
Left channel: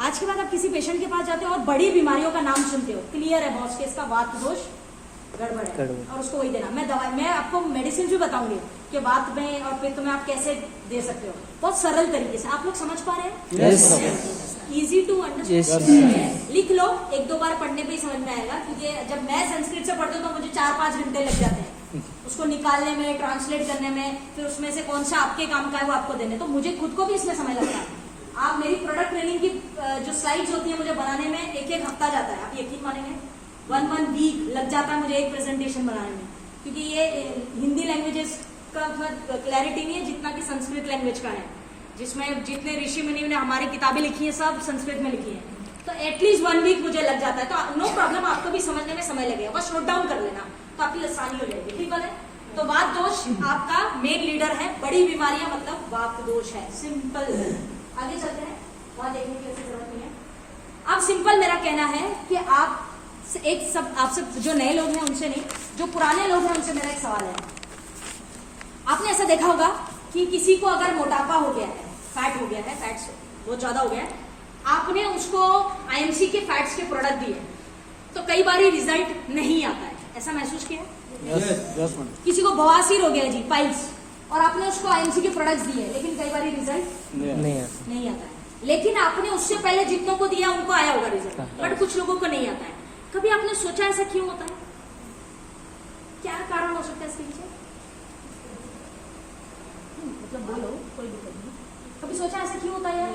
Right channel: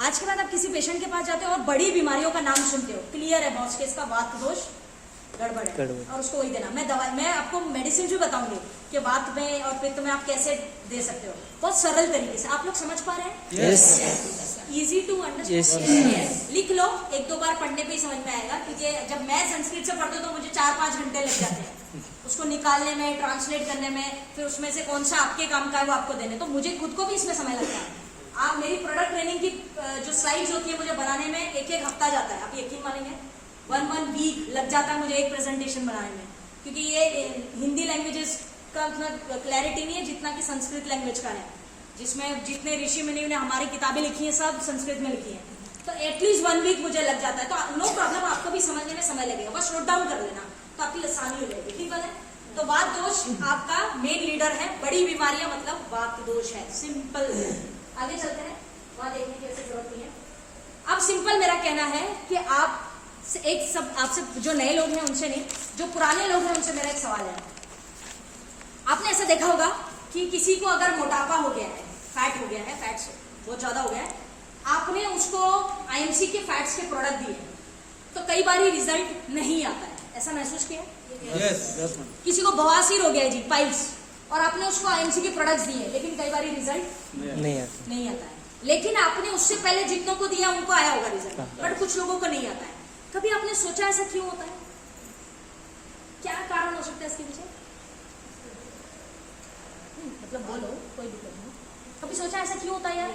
आज के बाद आप किसी पेशेंट के पास जाते हो और बड़ी बीमारियों का नाम सुनते हो, क्लियर है बॉस के इसका वात दोष गड़बड़ है और उसको वही देना। मैं आपको मेडिसिन भी बताऊंगी कि वात में और पित्त में आप कैसे दे सकते हो, बहुत सरल तरीके से। आप लोग समझ पा रहे हैं? Yes, easy to understand. लिख लो, 1-2 बार पढ़ने पे ही समझ में आएगा, क्योंकि जब मैं संस्कृत से पढ़ती हूँ तो मुझे 4-5 घंटे लग जाते हैं उसको निकालने में, ट्रांसलेट करने में, फिर उसमें से कौन सा आपके काम का है वो आपको देने, तो मुझे खुद को भी इसमें समय लगता है। आप मेरी प्रोडक्ट ट्रेनिंग की जो स्लाइड्स होती है मुझे बनाने में 1-1 हफ्ता जाता है, आप यकीन मानेंगे। 1 वीक लग जाता है मुझे एक प्रेजेंटेशन बनाने में, क्योंकि ये हिंदी लैंग्वेजेस का क्लैरिटी नहीं है जितना कि संस्कृत लैंग्वेज का है, जिसमें जितने ऋषि मुनियों ने हमारी किताबें लिखी हैं सब संस्कृत में लिखी है। तो एटलीस्ट 1 वीक मुझे लग जाता है। तो नो प्रॉब्लम, आपको भी समझने में समय लगेगा, बस नोट डाउन कर लेना तो आपकी आसानी हो जाएगी। ठीक है। तो वात दोष आपका मेन लीडर है, बड़ी बीमारियां मतलब वात दोष है, सिंपल। आगे चलते हैं, वहां देखने की ऐसी जरूरत नहीं है। अब सिंपल मेरा कहना है कि आपसे जो नए लोग हैं उनसे नहीं, जो पुराने लोग हैं उनसे मेरा एक सवाल है। आपने ऐसा देखा होगा कि किसी को अगर मोटापा हो गया है, फैट हो गया है, फैट्स बहुत ज्यादा हो गया है, आपने उसको आईएमसी के फैट्स के प्रोडक्ट दिए तो कई बार रिजल्ट नहीं आता है, ऐसा महसूस किया? यस किसी को बवासीर हो गया है जी, पाइल्स, और आपने उसको आईएमसी के प्रोडक्ट्स दिए लेकिन कई बार रिजल्ट नहीं आता है। लेकिन आपने उससे पहले जितनों को दिया उनको आया होगा रिजल्ट, बट कुछ लोगों को नहीं आता है। कभी आपने सोचा ऐसा क्यों होता है? क्या कारण हो सकता है इसके पीछे? मतलब बोलो, कोई दिक्कत नहीं। कभी सोचा ऐसा क्यों होता है यार?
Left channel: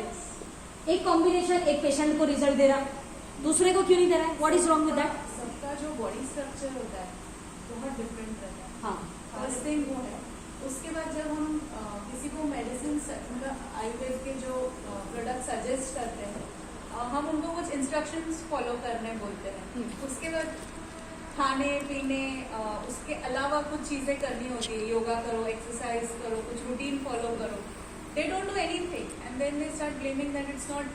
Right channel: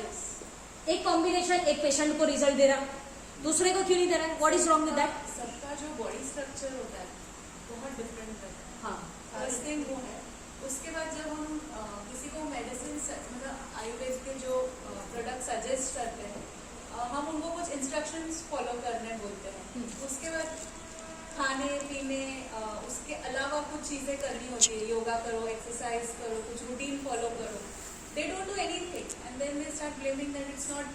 एक कॉम्बिनेशन एक पेशेंट को रिजल्ट दे रहा, दूसरे को क्यों नहीं दे रहा है? What is wrong with that? सबका जो बॉडी स्ट्रक्चर होता है बहुत डिफरेंट होता है। हाँ, फर्स्ट थिंग वो है। उसके बाद जब हम किसी को मेडिसिन मतलब आयुर्वेद के जो प्रोडक्ट सजेस्ट करते हैं, हम उनको कुछ इंस्ट्रक्शंस फॉलो करने बोलते हैं। उसके बाद खाने पीने उसके अलावा कुछ चीजें करनी होगी, योगा करो, एक्सरसाइज करो, कुछ रूटीन फॉलो करो। They don't do anything and then they start blaming that it's not,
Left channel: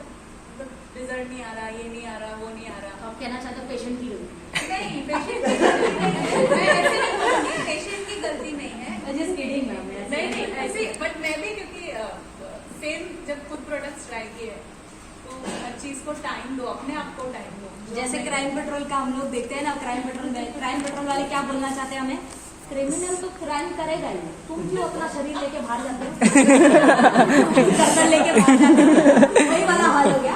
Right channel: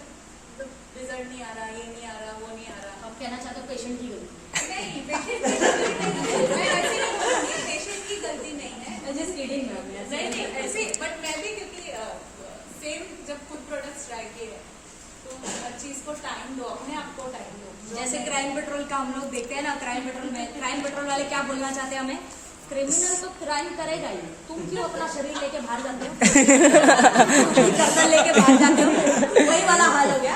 result नहीं आ रहा, ये नहीं आ रहा, वो नहीं आ रहा। आप कहना चाहते हो पेशेंट की गलती? नहीं, पेशेंट की गलती नहीं है। मैं ऐसे नहीं बोलूंगी, पेशेंट की गलती नहीं है। Just kidding ma'am. नहीं ऐसे, बट मैं भी क्योंकि सेम जब खुद प्रोडक्ट्स ट्राई किए तो हर चीज को टाइम दो, अपने आप को टाइम दो। जैसे क्राइम पेट्रोल का हम लोग देखते हैं ना, क्राइम पेट्रोल वाले क्या बोलना चाहते हैं हमें? क्रिमिनल तो क्राइम करेगा ही, तुम क्यों अपना शरीर लेके बाहर जाते हो? गर्दन लेके बाहर जाते हो, वही वाला हाल हो गया।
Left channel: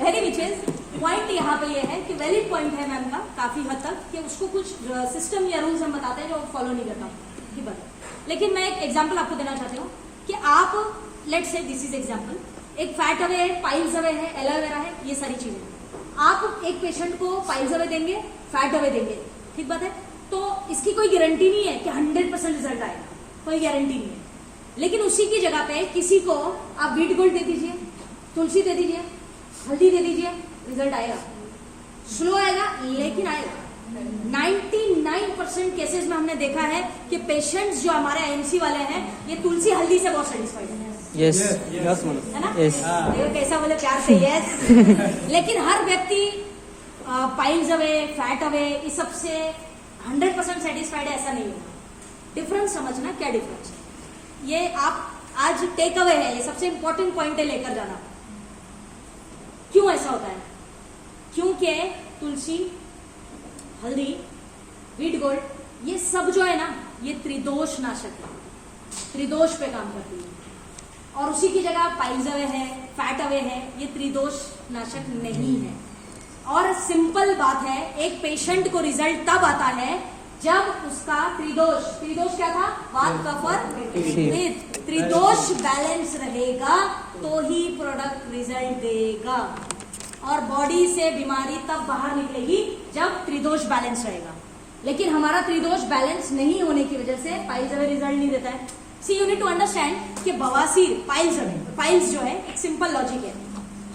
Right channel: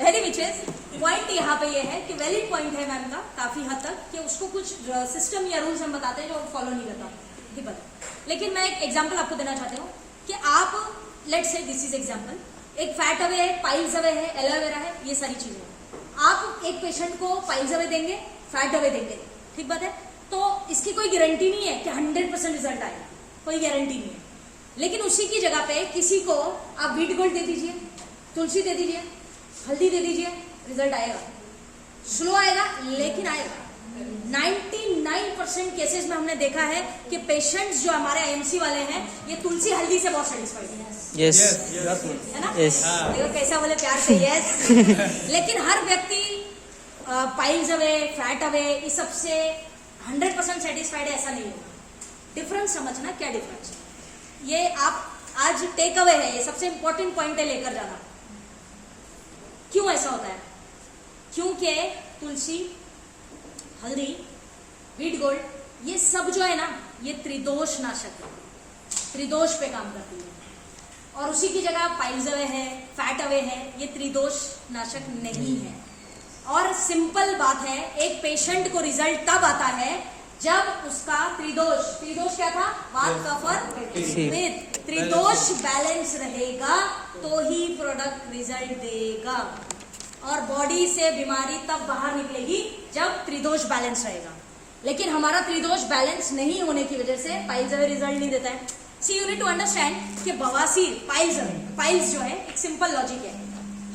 वेरी विचेस पॉइंट यहाँ पे ये है कि वैलिड पॉइंट है मैम का काफी हद तक, कि उसको कुछ सिस्टम या रूल्स हम बताते हैं जो फॉलो नहीं करता, ठीक है। लेकिन मैं एक एग्जांपल आपको देना चाहती हूँ कि आप let's say this is example, एक फैट अवे है, पाइल्स अवे है, एलोवेरा है, ये सारी चीजें आप एक पेशेंट को पाइल्स अवे देंगे, फैट अवे देंगे, ठीक बात है। तो इसकी कोई गारंटी नहीं है कि 100% रिजल्ट आएगा, कोई गारंटी नहीं है। लेकिन उसी की जगह पे किसी को आप बीट गोल्ड दे दीजिए, तुलसी दे दीजिए, हल्दी दे दीजिए, रिजल्ट आएगा। स्लो आएगा लेकिन आएगा। 99% केसेस में हमने देखा है कि पेशेंट्स जो हमारे आईएमसी वाले हैं ये तुलसी हल्दी से बहुत सेटिस्फाइड है। यस है ना? यस। देखो कैसा बोले प्यार से, यस। लेकिन हर व्यक्ति पाइल्स अवे, फैट अवे, इस सब से 100% सेटिस्फाइड है ऐसा नहीं होगा। डिफरेंस समझना, क्या डिफरेंस है ये आप आज टेक अवे है, ये सबसे इंपॉर्टेंट पॉइंट है लेकर जाना। क्यों ऐसा होता है? क्योंकि तुलसी, हल्दी, वीट गोल्ड, ये सब जो है ना ये त्रिदोष नाशक है, त्रिदोष पे काम करती है। और उसी की जगह पाइल्स अवे है, फैट अवे है, ये त्रिदोष नाशक नहीं है। और सिंपल बात है, एक पेशेंट को रिजल्ट तब आता है जब उसका त्रिदोष क्या था? वात, कफ और पित्त, त्रिदोष बैलेंस रहेगा तो ही प्रोडक्ट रिजल्ट देगा। और बॉडी से बीमारी तब बाहर निकलेगी जब त्रिदोष बैलेंस रहेगा। लेकिन हमारा त्रिदोष बैलेंस नहीं होने की वजह से पाइल्स अवे रिजल्ट नहीं देता है। सी यू नीड टू अंडरस्टैंड कि बवासीर, पाइल्स जो है एक सिंपल लॉजिक है।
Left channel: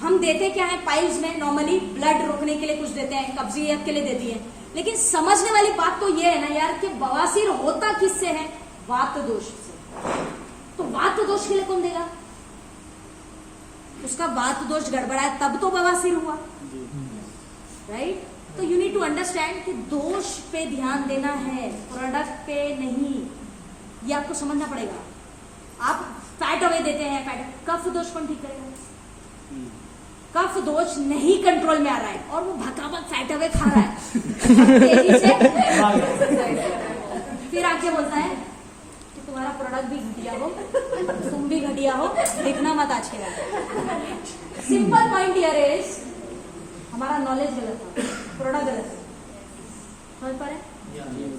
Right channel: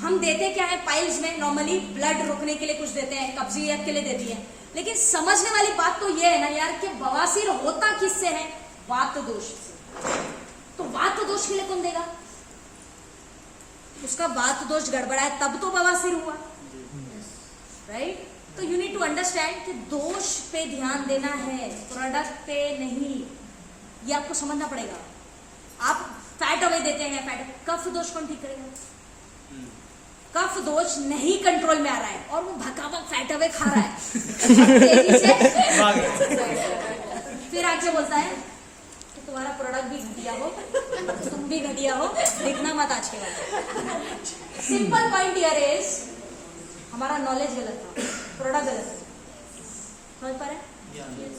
हम देते क्या है पाइल्स में? नॉर्मली ब्लड रोकने के लिए कुछ देते हैं, कब्जियत के लिए देती है। लेकिन समझने वाली बात तो ये है ना यार कि बवासीर होता किससे है? वात दोष से। तो वात दोष के लिए कौन देगा? उसका वात दोष गड़बड़ा है तब तो बवासीर हुआ, राइट? तो यू नीड टू अंडरस्टैंड कि दोष पे ध्यान देना है, प्रोडक्ट पे नहीं। ये आपको समझना पड़ेगा। आप फैट अवे देते हैं, फैट कफ दोष कौन ठीक करेगा? कफ दोष नहीं कंट्रोल में आ रहा है और वो भकाभक फैट अवे खा रहा है तेजी से, फिर आगे बोलता है कि तुम्हारा प्रोडक्ट भी घटिया हो, तुम भी घटिया हो, दिखना मत आज के बाद। सिंपल पॉइंट हियर इज हमारा नॉलेज गलत है, प्रोडक्ट गलत है। समझ पा रहे?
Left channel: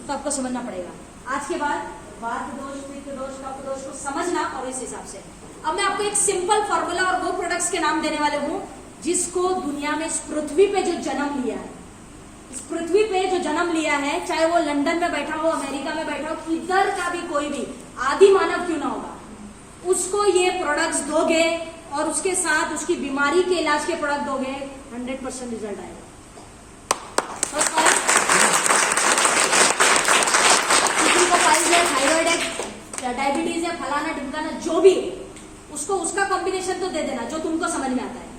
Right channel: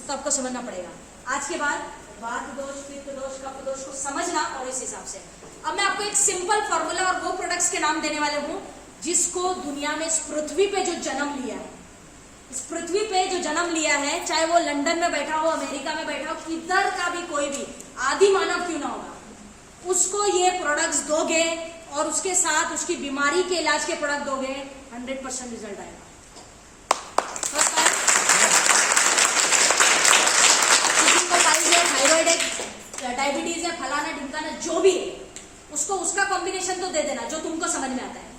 तो आपको समझना पड़ेगा। आज के बाद वात दोष, पित्त दोष, कफ दोष को समझना और इस हिसाब से। अब मैं आपको एक सिंपल फॉर्मूला और वो प्रोडक्ट्स के नाम देने वाले हूं जिसको दुनिया में इस पृथ्वी पे जो जन्म लिया है, इस पृथ्वी पे जो जन्म लिया है, चाहे वो लंदन में बैठा हो, अमेरिका में बैठा हो, किधर का भी कोई भी आदि मानव क्यों ना होगा, उसको ये प्रोडक्ट्स दोगे और उसके साथ उसकी बीमारी के इलाज के प्रोडक्ट दोगे, 100% रिजल्ट आएगा। किसी को पाइल्स है, थायराइड है, डायबिटीज है, फलाना ढिमकाना जो भी है, उसको उसका कॉम्बिनेशन तो दे देना जो तुमको समझ में आता है।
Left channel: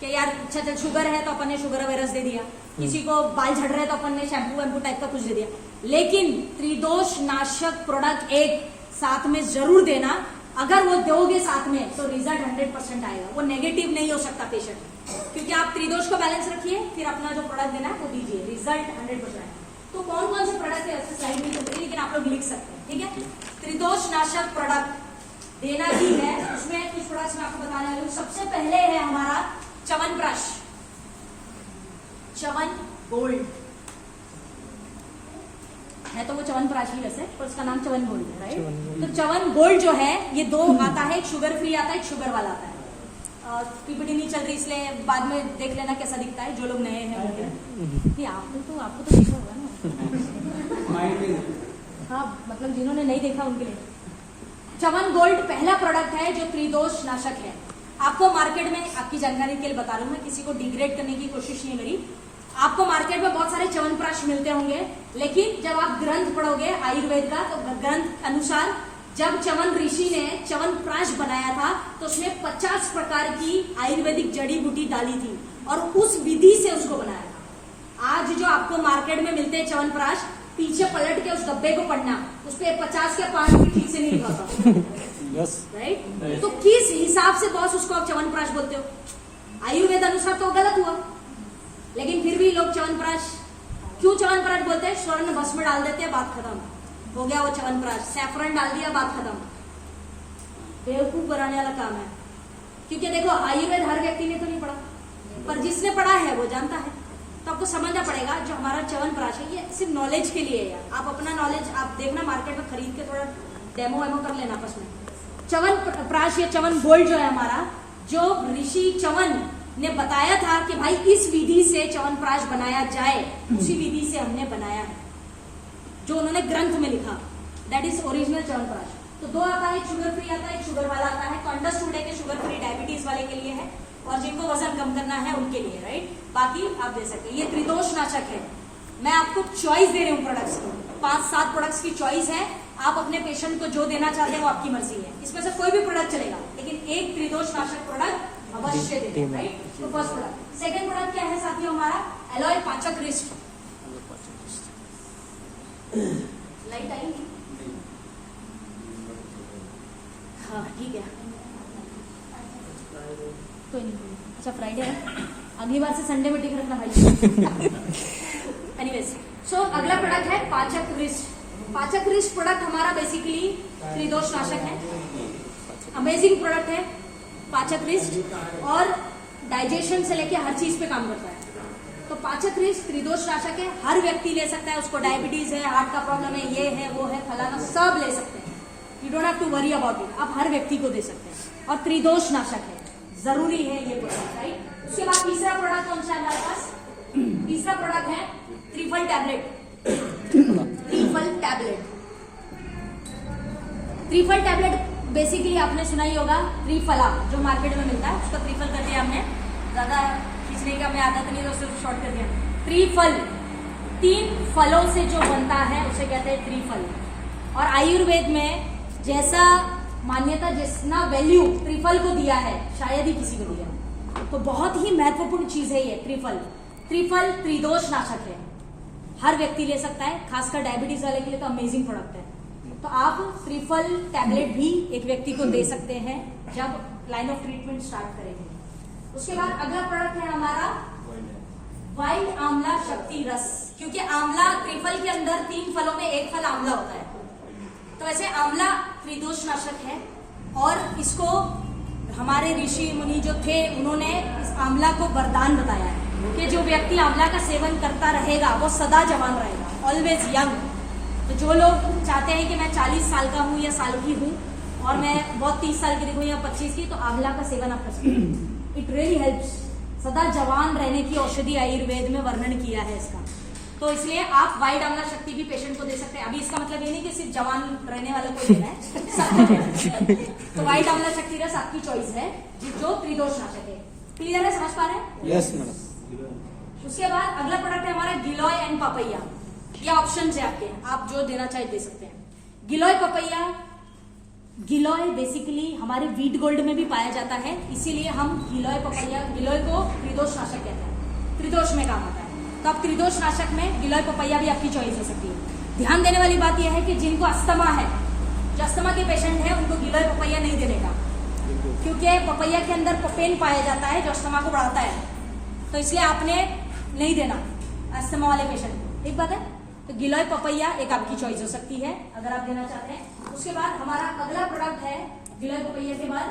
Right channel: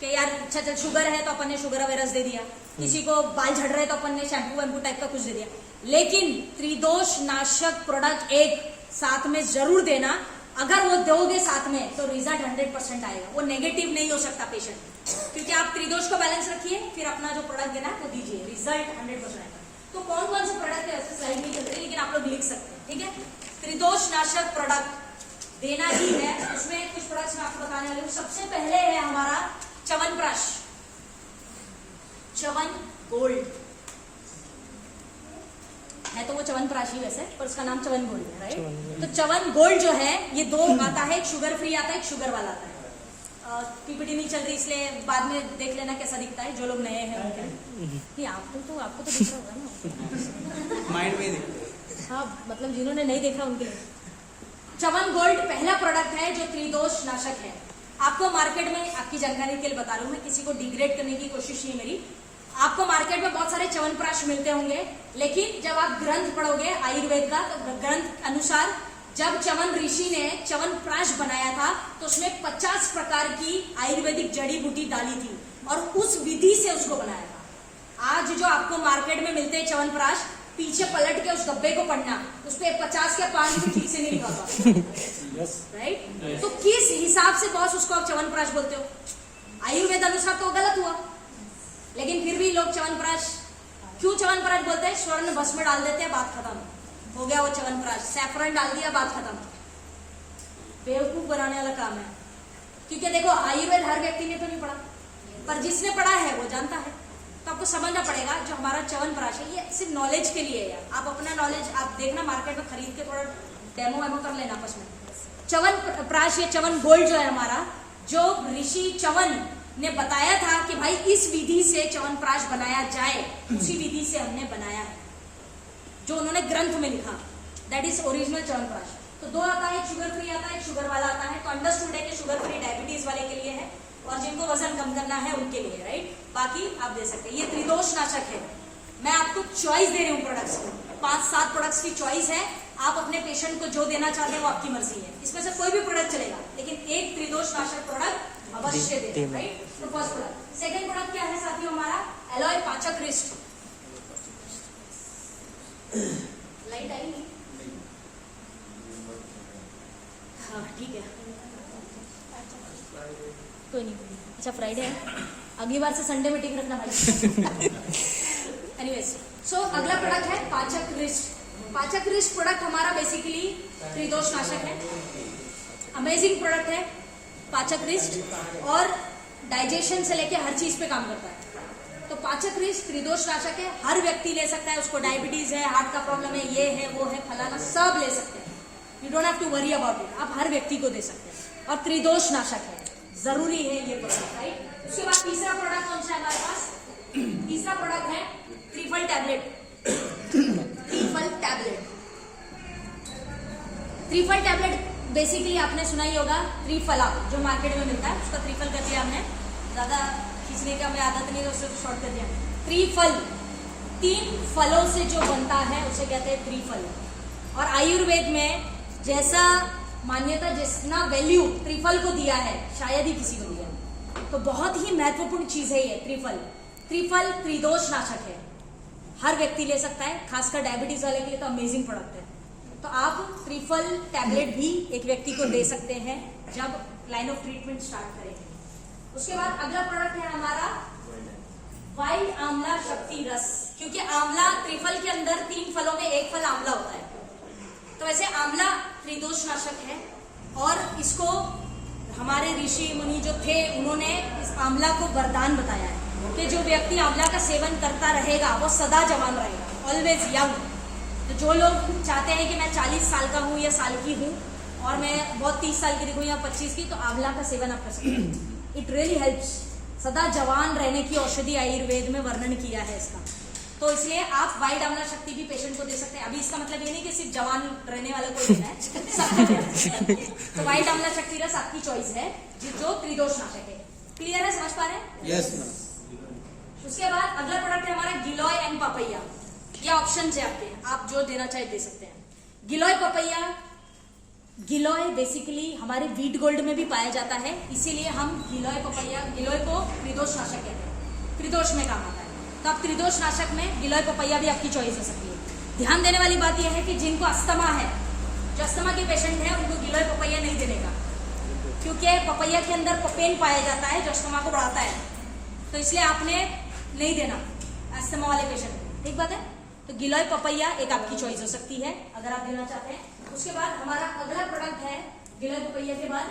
कि यार अच्छा चल शुगर है तो अपन ने शुगर अवेयरनेस दे दिया, किसी को बाल झड़ रहे तो अपन ने शैम्पू वैम्पू टाइप का कुछ दे दिया। लेकिन त्रिदोष नाशक प्रोडक्ट एक साथ में जरूर देना। अगर वो दोगे साथ में तो रिजल्ट 100% आएगा, वो नेगेटिव नहीं हो सकता पेशेंट, क्योंकि आप त्रिदोष को बैलेंस रखिए, फिर अपना जो प्रोडक्ट देना है वो दीजिए, रिजल्ट 100% आएगा। तो कौन कौन से प्रोडक्ट है ऐसे स्लाइड नहीं करते, लेकिन आप लोग लिख सकते हैं, ठीक है। त्रिदोष नाशक प्रोडक्ट देना ही है। उसमें कुछ प्रोडक्ट्स मैं आपको बताने वाली हूँ। सबसे पहले है हमारा च्यवनप्राश, च्यवन गोल्ड है, तो वो च्यवनप्राश ही वैसे, और उसका नाम च्यवन गोल्ड है, राइट। तो च्यवन गोल्ड जो है ये दो आता है, एक शुगर फ्री आता है, एक शुगर वाला आता है। पीपीटी नहीं चल रही इसलिए बाद में देख लेना कैसा दिखता है, जो लोग नए हैं उनके लिए। आपको तो दिखा होगा ना माइंड में हाँ, मतलब जिन्होंने नहीं देखा उनके लिए। च्यवन गोल्ड पहला प्रोडक्ट है जो त्रिदोष नाशक है। आपको मार्केट में, आपकी जानकारी के लिए बता रहा हूं मैं, किसी को डिग्रेड करने की कोशिश नहीं है मेरी। आपको मार्केट में बहुत सारे च्यवनप्राश मिलते होंगे, लेकिन जब आप ग्रंथ पढ़ोगे आयुर्वेद का, तो ग्रंथ अनुसार जब च्यवन ऋषि ने च्यवनप्राश बनाया था तो उसमें 50 प्रकार की आयुर्वेदिक जड़ी बूटी डाली थी और उस विधि से उसको बनाया था। आज जो आपको मार्केट में मिलते हैं च्यवनप्राश, पीछे पलट के उस डब्बे को पढ़ना, उस पे 50 के 5 भी ठीक से नहीं लिखा था, राइट। तो किस हिसाब से बॉस उसको आप च्यवनप्राश बोलते हो? आयुर्वेद अनुसार तो गलत हुआ, लेकिन फिर भी लोग च्यवनप्राश क्यों च्यवनप्राश बोलते हैं? स्वर्ण भस्म डाल देते हैं, बात खत्म हो गया वो च्यवनप्राश। सैफरन डाल दिया, बात खत्म। बेवकूफ बनाने वाला काम है, क्योंकि देखो आयुर्वेद हर व्यक्ति ने तो नहीं पढ़ा, पर जिसने पढ़ा है वो जानता है। तो आपको समझना पड़ेगा जो हमारा च्यवनप्राश है ये सिर्फ नॉलेज के लिए है यार। आप अपना नॉलेज आप देखना, मार्केट में खरीद के थोड़ा डेमो वेमो कर लेना आपस में। च्यवनप्राश या च्यवन गोल्ड जो है हमारा, जो ऋषि च्यवन ने बताया था कि भाई इस विधि से च्यवनप्राश बनाया जाए, उसी विधि से हमने बनाया है, जो उन्होंने ग्रंथ में लिखा, दैट इज ओरिजिनल च्यवनप्राश। तो दो आता है, एक शुगर फ्री आता है, एक शुगर वाला आता है। तो अंडरस्टूड है कि शुगर फ्री डायबिटीज वाले के लिए है और जिनको वजन कम करना है उनके लिए, राइट। बाकी आप दे सकते हैं। ये त्रिदोष नाशक है। मैं आपको चॉइस दे रही हूँ प्रोडक्ट्स की, 5-7 प्रोडक्ट्स की चॉइस है। आप अपने पेशेंट को जो देना चाहते हैं वो आपकी मर्जी है, इसमें से कोई भी प्रोडक्ट चलेगा, लेकिन एक त्रिदोष नाशक प्रोडक्ट अवश्य दें, राइट। तो फर्स्ट प्रोडक्ट। सेकंड प्रोडक्ट क्या है साथियों हमारा? एलॉय पाचक रिस्ट। लाइट आई नहीं? हाँ ठीक है, कोई नहीं। अच्छा फ्राइडे है, अगली बार से संडे में टिक रखना भाई। एनीवेज, सो अगला प्रोडक्ट है पाचक रिस्ट। पाचक रिस्ट प्रोडक्ट हमारा बेसिकली त्रिदोष नाशक है। अमेजिंग प्रोडक्ट है पाचक रिस्ट, और डाइजेशन से लेके हर चीज पे काम करता है। तो पाचक रिस्ट त्रिदोष नाशक है, हर व्यक्ति ले सकता है। उसको डायबिटीज है, हार्ट का प्रॉब्लम है, ये है वो है फलाना, सब ले सकते हैं। You don't have to worry about it. आप हर व्यक्ति को दे सकते हैं और त्रिदोष नाशक है, जरूरी है ये प्रोडक्ट, राइट। उसके बाद तीसरा प्रोडक्ट कौन सा है हमारे पास? तीसरा प्रोडक्ट है त्रिफल टैबलेट। त्रिफल टैबलेट, त्रिफल टैबलेट बेसिकली आपने सुना ही होगा। त्रिफला जो मार्केट में मिलता है उसका त्रिफल कर दिया हमने, ज्यादा खींचने का हमें आदत नहीं, तो उससे शॉर्ट कर दिया। त्रिफल 3 फलों से जो बनता है उसे कहते हैं त्रिफल। और आयुर्वेद में जैसा मान्यता, जितना वैल्यू त्रिफल को दिया है शायद ही किसी को दिया। तो बहुत ही महत्वपूर्ण चीज है ये त्रिफल। त्रिफल त्रिदोष नाशक है, हर व्यक्ति ले सकता है, खासकर डायबिटीज वाले के लिए तो अमेजिंग प्रोडक्ट है। तो आप त्रिफल टैबलेट भी एक व्यक्ति को दे सकते हैं जब लाइन ऑफ ट्रीटमेंट स्टार्ट करेंगे। उसके बाद अगला प्रोडक्ट है हमारा वाइल्ड आंवला शक्ति रस। क्योंकि आंवला त्रिफल के अंदर 3 फलों में एक फल आंवला होता है, तो वैसे आंवला त्रिदोष नाशक है। और इसको हमारे ऋषि मुनि जो थे उन्होंने इस आंवला को वरदान बताया है कि जो व्यक्ति आंवला का सेवन करता रहेगा वो सदा जवान रहेगा, ऑलवेज यंग। तो जो लोग चाहते हैं कि मैं 40 साल का हूँ या साल की हूँ और मैं बहुत 30 साल की दिखूँ या 25 की, तो आंवला का सेवन आप कर सकते हैं। It really helps. सदा जवान रहने की औषधि आयुर्वेद में वर्णन किया है इसका। तो इसलिए आप वाइल्ड आंवला शक्ति भी पेशेंट को दे सकते हैं। अभी इसका मतलब ये नहीं कि सिर्फ जवान रहने वालों को देना है, सबको देना है। तो वाइल्ड आंवला शक्ति रस आपकी चॉइस है, जो त्रिदोष नाशक है। क्लियर है, समझ पा रहे हैं? Yes madam. उसके बाद अगला प्रोडक्ट है हमारा गिलोय एंड पपैया। ये ऑप्शन है आपके, आप जो देना चाहे दे सकते हैं। गिलोय पपैया गिलोय बेसिकली हमारे वीट गोल्ड में भी पाया जाता है, इसीलिए हम गिलोय को त्रिदोष नाशक कहते हैं, त्रिदोष में काम आता है। तो अब त्रिदोष नाशक में गिलोय पपैया भी आपकी चॉइस हो सकती है। ध्यान देने वाली बात यह है कि जिनको अस्थमा है, जो अस्थमा के पेशेंट है, उनको गिलोय पपैया नहीं देने का, क्योंकि पपैया के अंदर पपेन पाया जाता है जो अस्थमा को बढ़ाता है, तो इसलिए आपने नहीं देना अस्थमा वाले पेशेंट को, ठीक बात है। तो गिलोय पपैया एक आपकी चॉइस हो सकती है अगर आप देना चाहते हैं। उसके बाद हमारा अगला प्रोडक्ट है गिलोय पपैया के बाद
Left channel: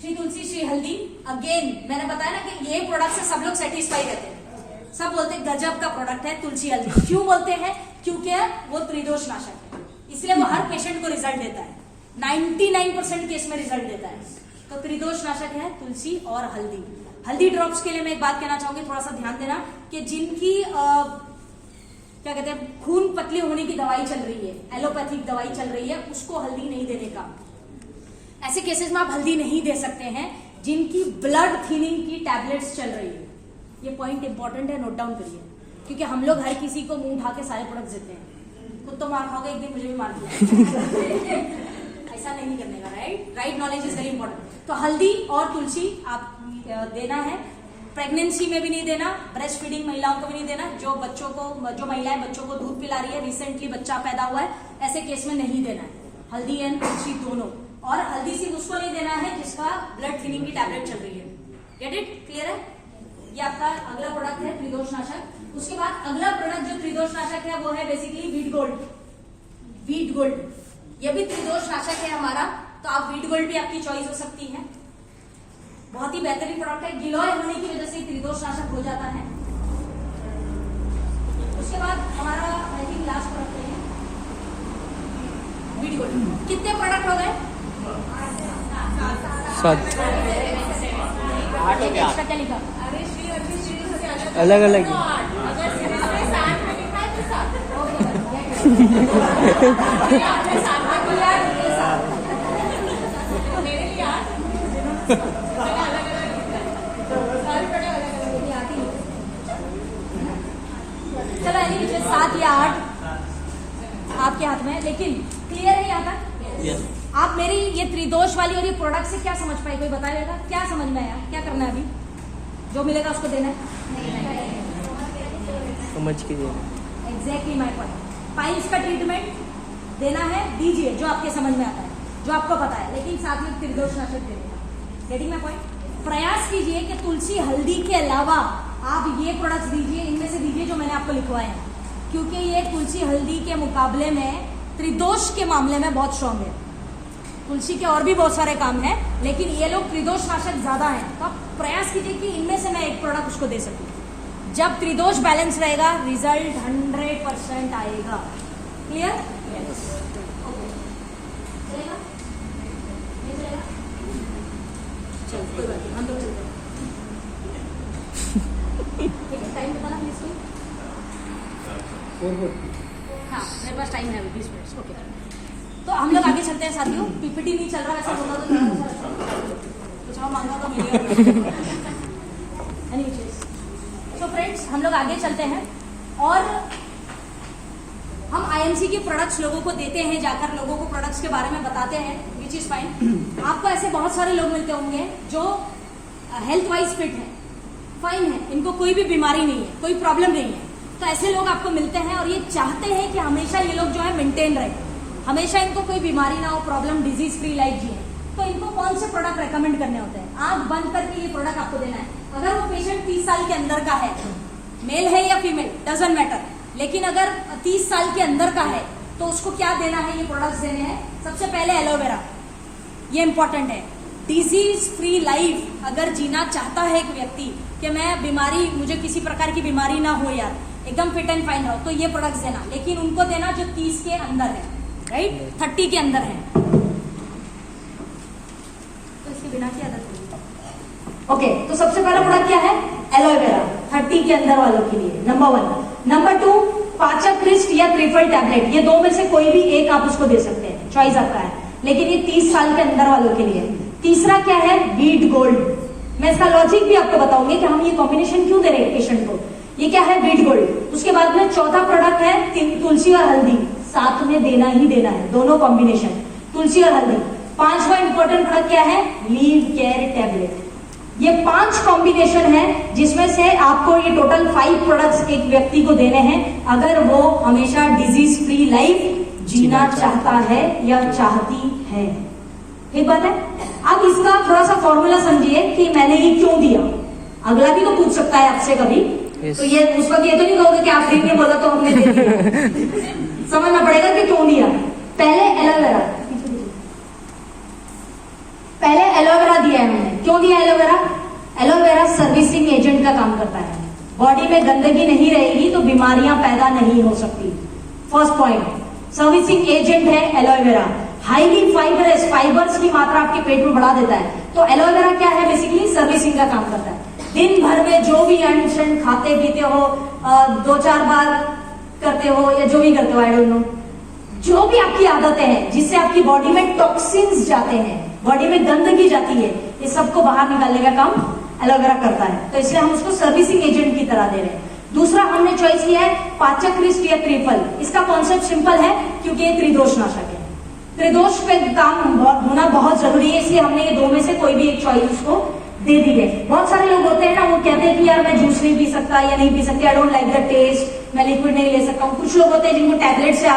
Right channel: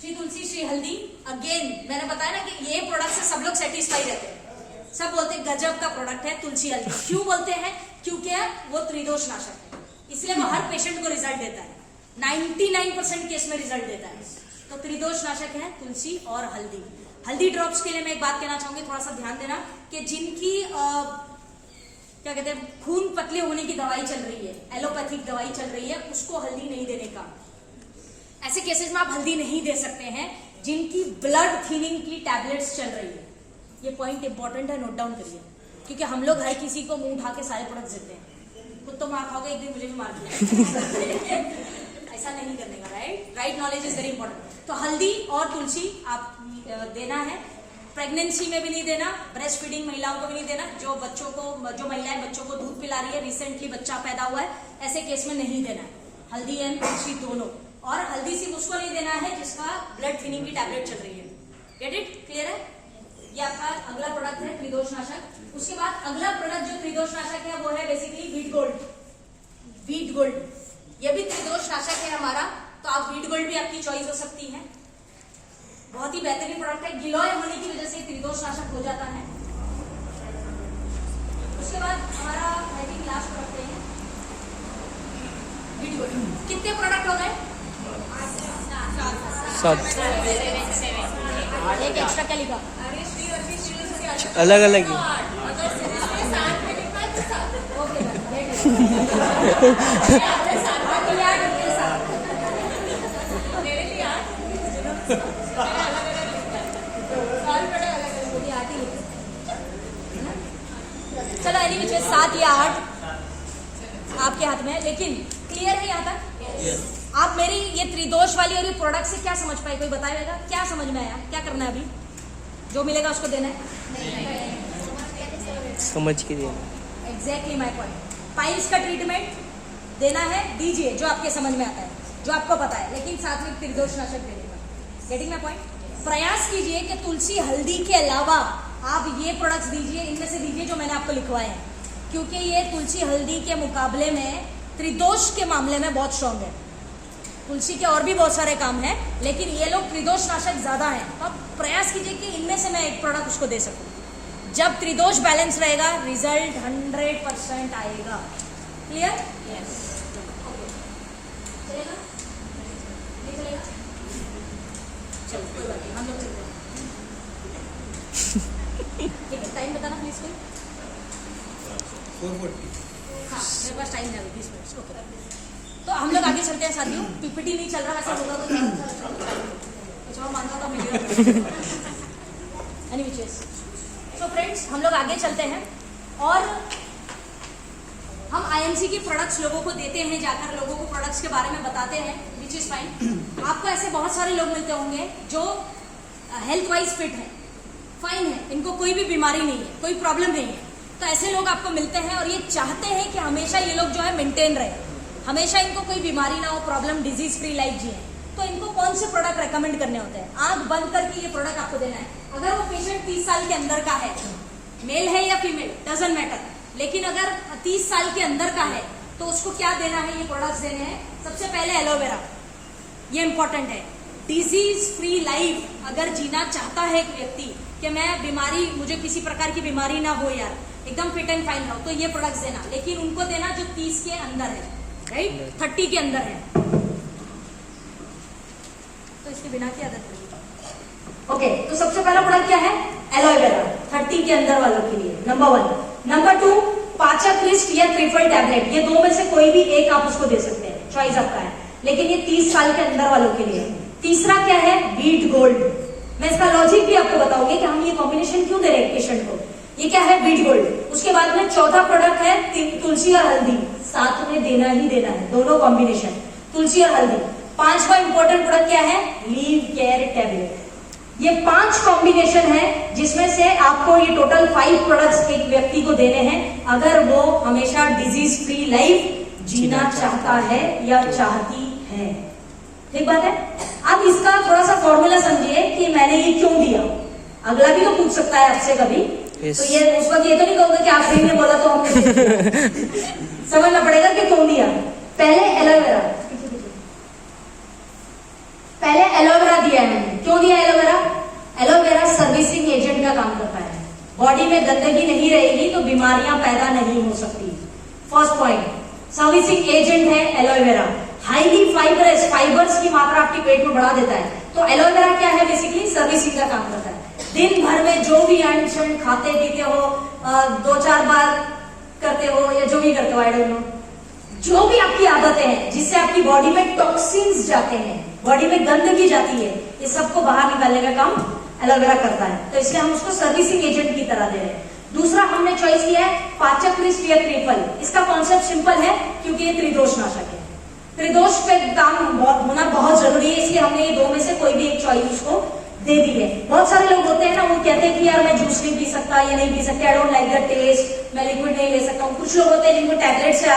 श्री तुलसी श्री हल्दी। अगेन मैंने बताया ना कि ये प्रोडक्ट से सब लोग सेटिस्फाई रहते हैं, सब बोलते हैं गजब का प्रोडक्ट है तुलसी हल्दी। क्यों बोलते हैं? क्योंकि वो त्रिदोष नाशक है, इसलिए वो हर पेशेंट को रिजल्ट देता है, 99% केस में रिजल्ट देता है। तो त्रिदोष नाशक है तुलसी और हल्दी। हल्दी ड्रॉप्स के लिए मैं एक बात कहना चाहूंगी, थोड़ा सा ध्यान देना कि जिनकी क्या कहते हैं खून पतले होने की दवाई चल रही है, एलोपैथिक दवाई चल रही है, उसको हल्दी नहीं देने का। ऐसे केसेस में आप हल्दी नहीं दे सकते हैं जिनकी ब्लड थिनिंग की टैबलेट्स चल रही है। ये पॉइंट इंपॉर्टेंट है, नोट डाउन करिए, क्योंकि हम लोग हर किसी को मुंह उठा के सारे प्रोडक्ट देते हैं। खुद तो मार खाओगे, एक दिन मुझे भी मार दिया। ऐसा नहीं करने का, right knowledge is very important. तो हल्दी और तुलसी आप देना है। प्रेगनेंसी में भी नहीं देना, ब्रेस्ट फीडिंग महिलाओं को भी नहीं देना, जो महिलाएं बच्चों को दूध पिला रही है, रिसेंटली बच्चा पैदा हुआ है, ऐसे केस में नहीं देना है हल्दी एंड तुलसी दोनों। और हल्दी सिर्फ उसको नहीं देना है जिसका ब्लड थिनिंग की टैबलेट चल रही है। Get it? क्लियर है? ये आपका अगला प्रोडक्ट है त्रिदोष नाशक। उसके बाद अगला प्रोडक्ट जो त्रिदोष नाशक है वो है basically wheat gold. Wheat gold ये भी त्रिदोष नाशक है हमारा, तो आप वीट गोल्ड भी आपकी चॉइस हो सकती है। बहुत ही बेहतरीन प्रोडक्ट है, गिलोय होने की वजह से त्रिदोष नाशक हो जाता है। उसके बाद हमारा आई थिंक लास्ट प्रोडक्ट है वीट गोल्ड। कितने प्रोडक्ट हो गए? 7 एक एक्स्ट्रा क्या लिखा? अलग अलग चलो यानी कि 7 या 8 आपके हाथ में है, लेकिन क्लियर है यहाँ तक? आप मेरी ये त्रिदोष वाली और ये प्रोडक्ट से क्या समझ पाए? कोई बताएगा क्या समझ में आया? क्या करना है अभी? जो मिलेगा उसको देना है, समझ के देना। Exactly my point. पाइल्स का ट्रीटमेंट देना है, दीजिए जो आपके समझ में आता है, जो आपको पता है, लेकिन साथ में त्रिदोष नाशक दे देना। Getting my point? प्रयास कीजिए कि तुलसी हल्दी के अलावा आप ये प्रोडक्ट्स दीजिए, इनमें से दीजिए जो मैंने आपको लिखवाए हैं, क्योंकि ये तुलसी हल्दी के मुकाबले में त्रिदोष के मामले में बहुत स्ट्रांग है। तुलसी के और भी बहुत सारे काम हैं, लेकिन ये लोग त्रिदोष नाशक ज्यादा हैं। तो आप प्रयास कीजिए कि इनमें से मैं एक प्रोडक्ट उसको दे सकूं। जब त्रिदोष बैलेंस रहेगा रिजल्ट 100% आएगा। क्लियर? चलेगा? नहीं चलेगा? चलो कोई बात नहीं, हम लोग चलते हैं। एक टाइम बताना प्लीज कोई। हाँ मेरे पास टाइम है 20 मिनट। ओके तो हम लोग आगे चलते हैं साथियों। पीपीटी नहीं चल रहा, वैसा होगा तो चलो मांगा तो मिलेगा। सो फ्रेंड्स हम लोग आगे चलते हैं और हम आईएमसी के प्रोडक्ट्स लोगों को देते हैं, जाकर लोगों को प्रोडक्ट्स के बारे में बताते हैं, विच इज फाइन। आपको ऐसे बहुत सारे लोग मिलते होंगे जो हेल्थ वाइज फिट है, फाइन है, इनको कोई भी बीमारी नहीं है, कोई प्रॉब्लम नहीं है। तो ऐसे लोग आपको मिलते हैं और ये चाहते हैं कि हमेशा ये लोग जो है मेंटेन रहे, हमेशा इनको कोई बीमारी ना हो, प्रॉब्लम डिजीज फ्री लाइफ जिए। तो इनको कौन से प्रोडक्ट रेकमेंड करने होते हैं? आंख बंद करके ये प्रोडक्ट आपको देना है। अगर वो पेशेंट 30 साल के अंदर का है, मेल है या फीमेल डजंट मैटर, लेकिन अगर 30 साल के अंदर का है तो उसको क्या देना है? ये प्रोडक्ट्स देने हैं। सबसे पहले एलोवेरा, ये इंपॉर्टेंट है। डिजीज फ्री लाइफ अगर जीना चाहता है एक व्यक्ति कि मैं बीमारी, मुझे किसी प्रकार की बीमारी ना हो यार, एकदम फिट एंड फाइन रहो, तो ये प्रोडक्ट्स देना, लेकिन उनको देना जो 30 के अंदर है, राइट, 30 के अंदर है। तो इसके बिना की आदत पड़ेगी। ओके तो सबसे पहला प्रोडक्ट क्या है? एलोवेरा, 30 के अंदर वालों के लिए नंबर 1। नंबर 2 पाचक क्रिस्ट या त्रिफल टैबलेट, ये दो में से कोई भी एक आप उसको दे सकते हैं, चॉइस आपका है, लेकिन ये 30 साल के अंदर वालों के लिए। तीसरा क्या है? Wheat gold. मैं इसका लॉजिक भी आपको बताऊंगी कि हम ये कॉम्बिनेशन क्यों दे रहे हैं पेशेंट को। ये क्या है? Wheat gold. उसके बाद में चौथा प्रोडक्ट है तुलसी और हल्दी, साथ में देना ही देना है, दोनों कॉम्बिनेशन तुलसी और हल्दी। 5वां इंपॉर्टेंट प्रोडक्ट क्या है? Leave care tablet. ये 5 कॉम्बिनेशन है जिसमें से आपको ये टोटल 5 प्रोडक्ट्स एक व्यक्ति को देने हैं अगर वो हमेशा डिजीज फ्री लाइफ जीना चाहता है या चाहती है। ठीक बात है। अब इसका थोड़ा सा फॉर्मूला समझिए कि मैंने ये क्यों दिया। अगला भी तो पूछ सकता है आपसे कभी। Yes. तो ये उस वक्त ये तो नहीं कहोगे कि आप फ्री में बोला तो हमने दे दिया। समझना पड़ेगा कि क्यों दिया। पहले एलोवेरा, पहले एलोवेरा दिया है हमने। क्यों दिया एलोवेरा? एलोवेरा सर्विसिंग एजेंट का काम करता है। बॉडी में गंदगी नहीं रहेगी तो बीमारियां पैदा नहीं हो सकती। फर्स्ट पॉइंट, सर्विसिंग एजेंट है एलोवेरा। हाईली फाइबरस, फाइबर्स की मात्रा आपके पेट में बढ़ा देता है। तो एलोवेरा क्या है? बेसिकली सर्विसिंग का काम करता है। दिन भर में जो भी अनशन खाते पीते हो, 2-4 बार करते हो या जो भी करते हो, आई डोंट नो, जो भी आपकी आदतें हैं जिससे आपकी बॉडी में टॉक्सिन्स जाते हैं, बॉडी में गंदगी जाती है, ये सबको बाहर निकालने का काम एलोवेरा करता है। तो इसलिए हम उसको सर्विसिंग एजेंट की तरह दे रहे हैं। दूसरा हमने चॉइस किया है पाचक क्रिस्ट या त्रिफल। इसका कॉन्सेप्ट सिंपल है क्योंकि ये त्रिदोष नाशक है। त्रिदोष पे काम होना बहुत जरूरी है, इसलिए हमने ये 2 में से कोई भी एक चॉइस उसको दे दी है। बहुत सारे लोग होते हैं ना, वो कहते हैं कि यार मैं जूस नहीं पी सकता या नहीं पी सकता, I don't like the taste, मैं लिक्विड नहीं ले सकता हूँ। कुछ लोग होते हैं जिनको टैबलेट से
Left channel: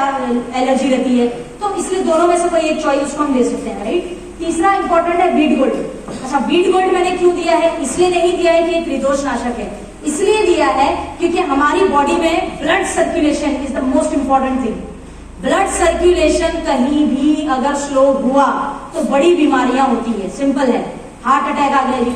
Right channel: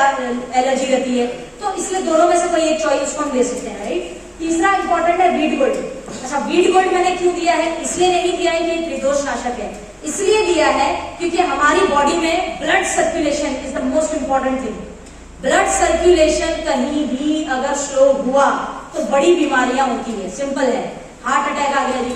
एलर्जी रहती है, तो इसलिए दोनों में से कोई एक चॉइस हम ले सकते हैं, राइट। तीसरा इंपॉर्टेंट है वीट गोल्ड। अच्छा, वीट गोल्ड मैंने क्यों दिया है? इसलिए नहीं दिया है कि ये त्रिदोष नाशक है, इसलिए दिया है क्योंकि हमारी बॉडी में blood circulation is the most important thing. Blood circulation कहीं भी अगर स्लो हुआ तो बड़ी बीमारियां होती है। सिंपल है, हार्ट अटैक आ गया जी,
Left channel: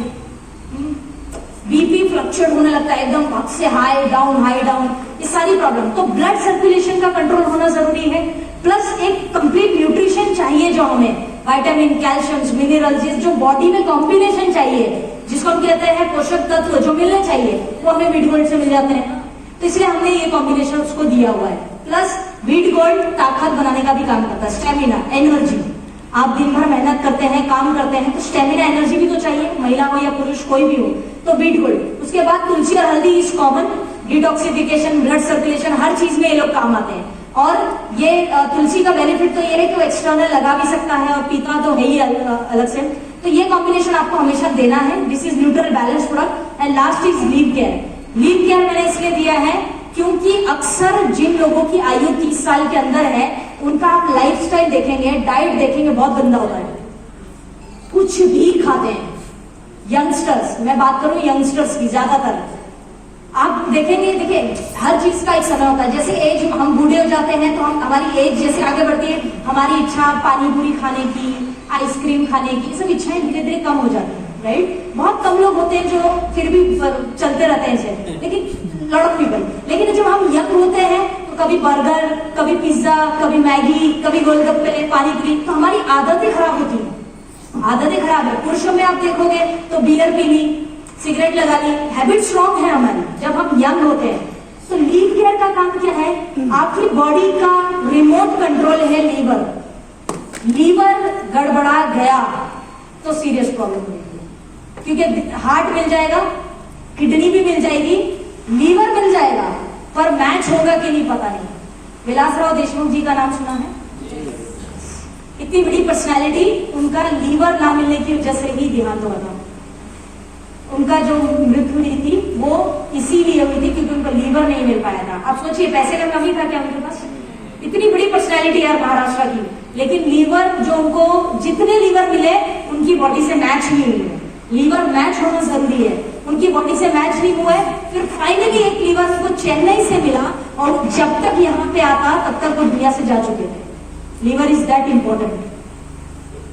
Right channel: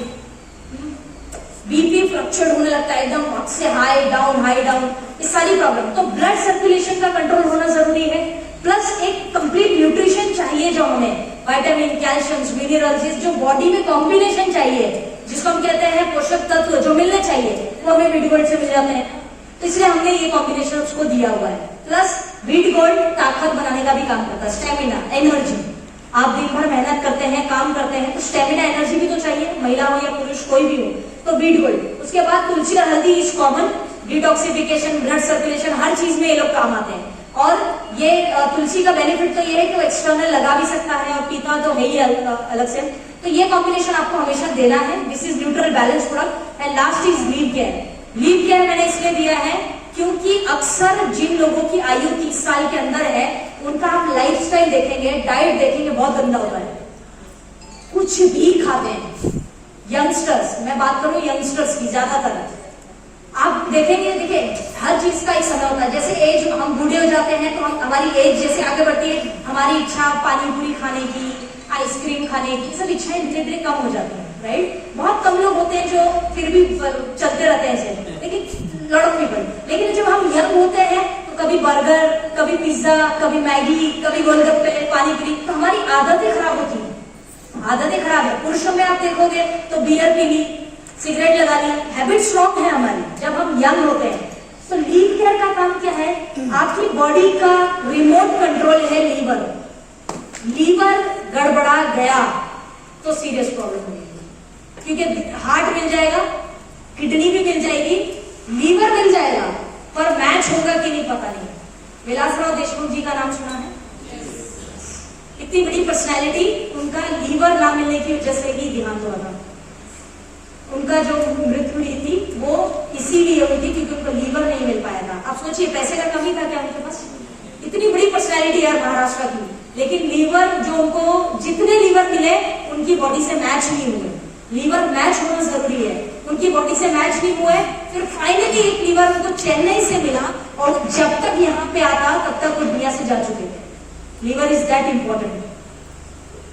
बीपी फ्लक्चुएट होने लगता है एकदम हद से हाई डाउन, ये सारी प्रॉब्लम। तो ब्लड सर्कुलेशन का कंट्रोल होना जरूरी है। प्लस एक कंप्लीट न्यूट्रिशन चाहिए जो हमें विटामिन, कैल्शियम, मिनरल्स, जो बॉडी में कॉम्बिनेशन चाहिए, जिसको हम कहते हैं पोषक तत्व जो मिलने चाहिए, वो हमें वीट गोल्ड से मिल जाते हैं। तो इसलिए हमने ये कॉम्बिनेशन उसको दिया हुआ है। प्लस वीट गोल्ड ताकत बनाने का भी काम करता है, स्टेमिना, एनर्जी। आप दिन भर मेहनत करते हैं, काम करते हैं, तो स्टेमिना, एनर्जी भी तो चाहिए, महिला हो या पुरुष कोई भी हो। तो वीट गोल्ड। उसके बाद तुलसी और हल्दी is common, detoxification, blood circulation, हर चीज में ये लोग काम आते हैं। और ये तुलसी का बेनिफिट तो ये है कि वो एक्सटर्नल लगा भी सकता है और पीता तो है ही अलग से। तो ये कॉम्बिनेशन आपको हमेशा देना है। This is neutral balance product. And last is leave care. Leave care मैंने इसलिए दिया है क्योंकि अक्सर जिन लोगों की आयु 30 साल के अंदर है, उनका आप लाइफस्टाइल देखेंगे, डाइट देखेंगे, बहुत गंदा होता है, कुछ भी खाते हैं। यंगस्टर्स, मैं बात करूं यंगस्टर्स की, ज्यादातर आप देखेंगे, देखिए हर चीज का एक समय होता है। जैसे एज, हम बूढ़े हो जाते हैं तो हम, हमारी एज जैसे आगे बढ़ती है, हमारी इच्छा पानी पूरी खाने की, आइसक्रीम खाने की, सब इच्छाएं धीरे धीरे कम हो जाती है, राइट। बहुत कम लोग होते हैं जो फिर भी चलते रहते हैं ऐसे, लेकिन लॉट ऑफ पीपल। लेकिन जब हम यंग होते हैं तो कभी बर्गर, कभी पिज्जा, कभी मैगी, कभी गोलगप्पे, पानी पूरी, तो हमारी आदतें खराब होती है, आदतें खराब है। पुरुषों में आप देखोगे तो बियर पी ली, सिगरेट लगा ली, हैबिट स्ट्रॉन्ग है हमारी जब हम यंग होते हैं। तो लीव केयर का काम क्या है? आपकी बॉडी का रिमोट कंट्रोल है लीवर। लीवर गड़बड़ा गया तो सीरियस प्रॉब्लम होगी, क्योंकि हार्ट मिल जाएगा, किडनी भी मिल जाएगी, लीवर मिल जाएगा, पर मैच होगा कि नहीं पता नहीं। विलासराव देशमुख जी का नाम सुना है? इतनी बड़ी पर्सनैलिटी, उनका लीवर ना मिलने की वजह से ही देहांत हुआ था। उनका जो मृत्यु हुई थी वो इसीलिए हुई थी क्योंकि उनको लीवर नहीं मिल पाया था। आप सोचिए पैसे का कमी था क्या उनके पास? इतनी बड़ी पर्सनैलिटी है महाराष्ट्र की, लेकिन लीवर जो उनको, जितने लीवर मिले उनकी बॉडी से मैच नहीं हुए। लीवर मैच होना जरूरी है, उनकी बॉडी से मैच नहीं हुआ है। फिर फाइनली एक लीवर उनको चेन्नई से मिला और जब तक यहाँ पे आता तब तक वो दुनिया से जा चुके थे। Liver is that important.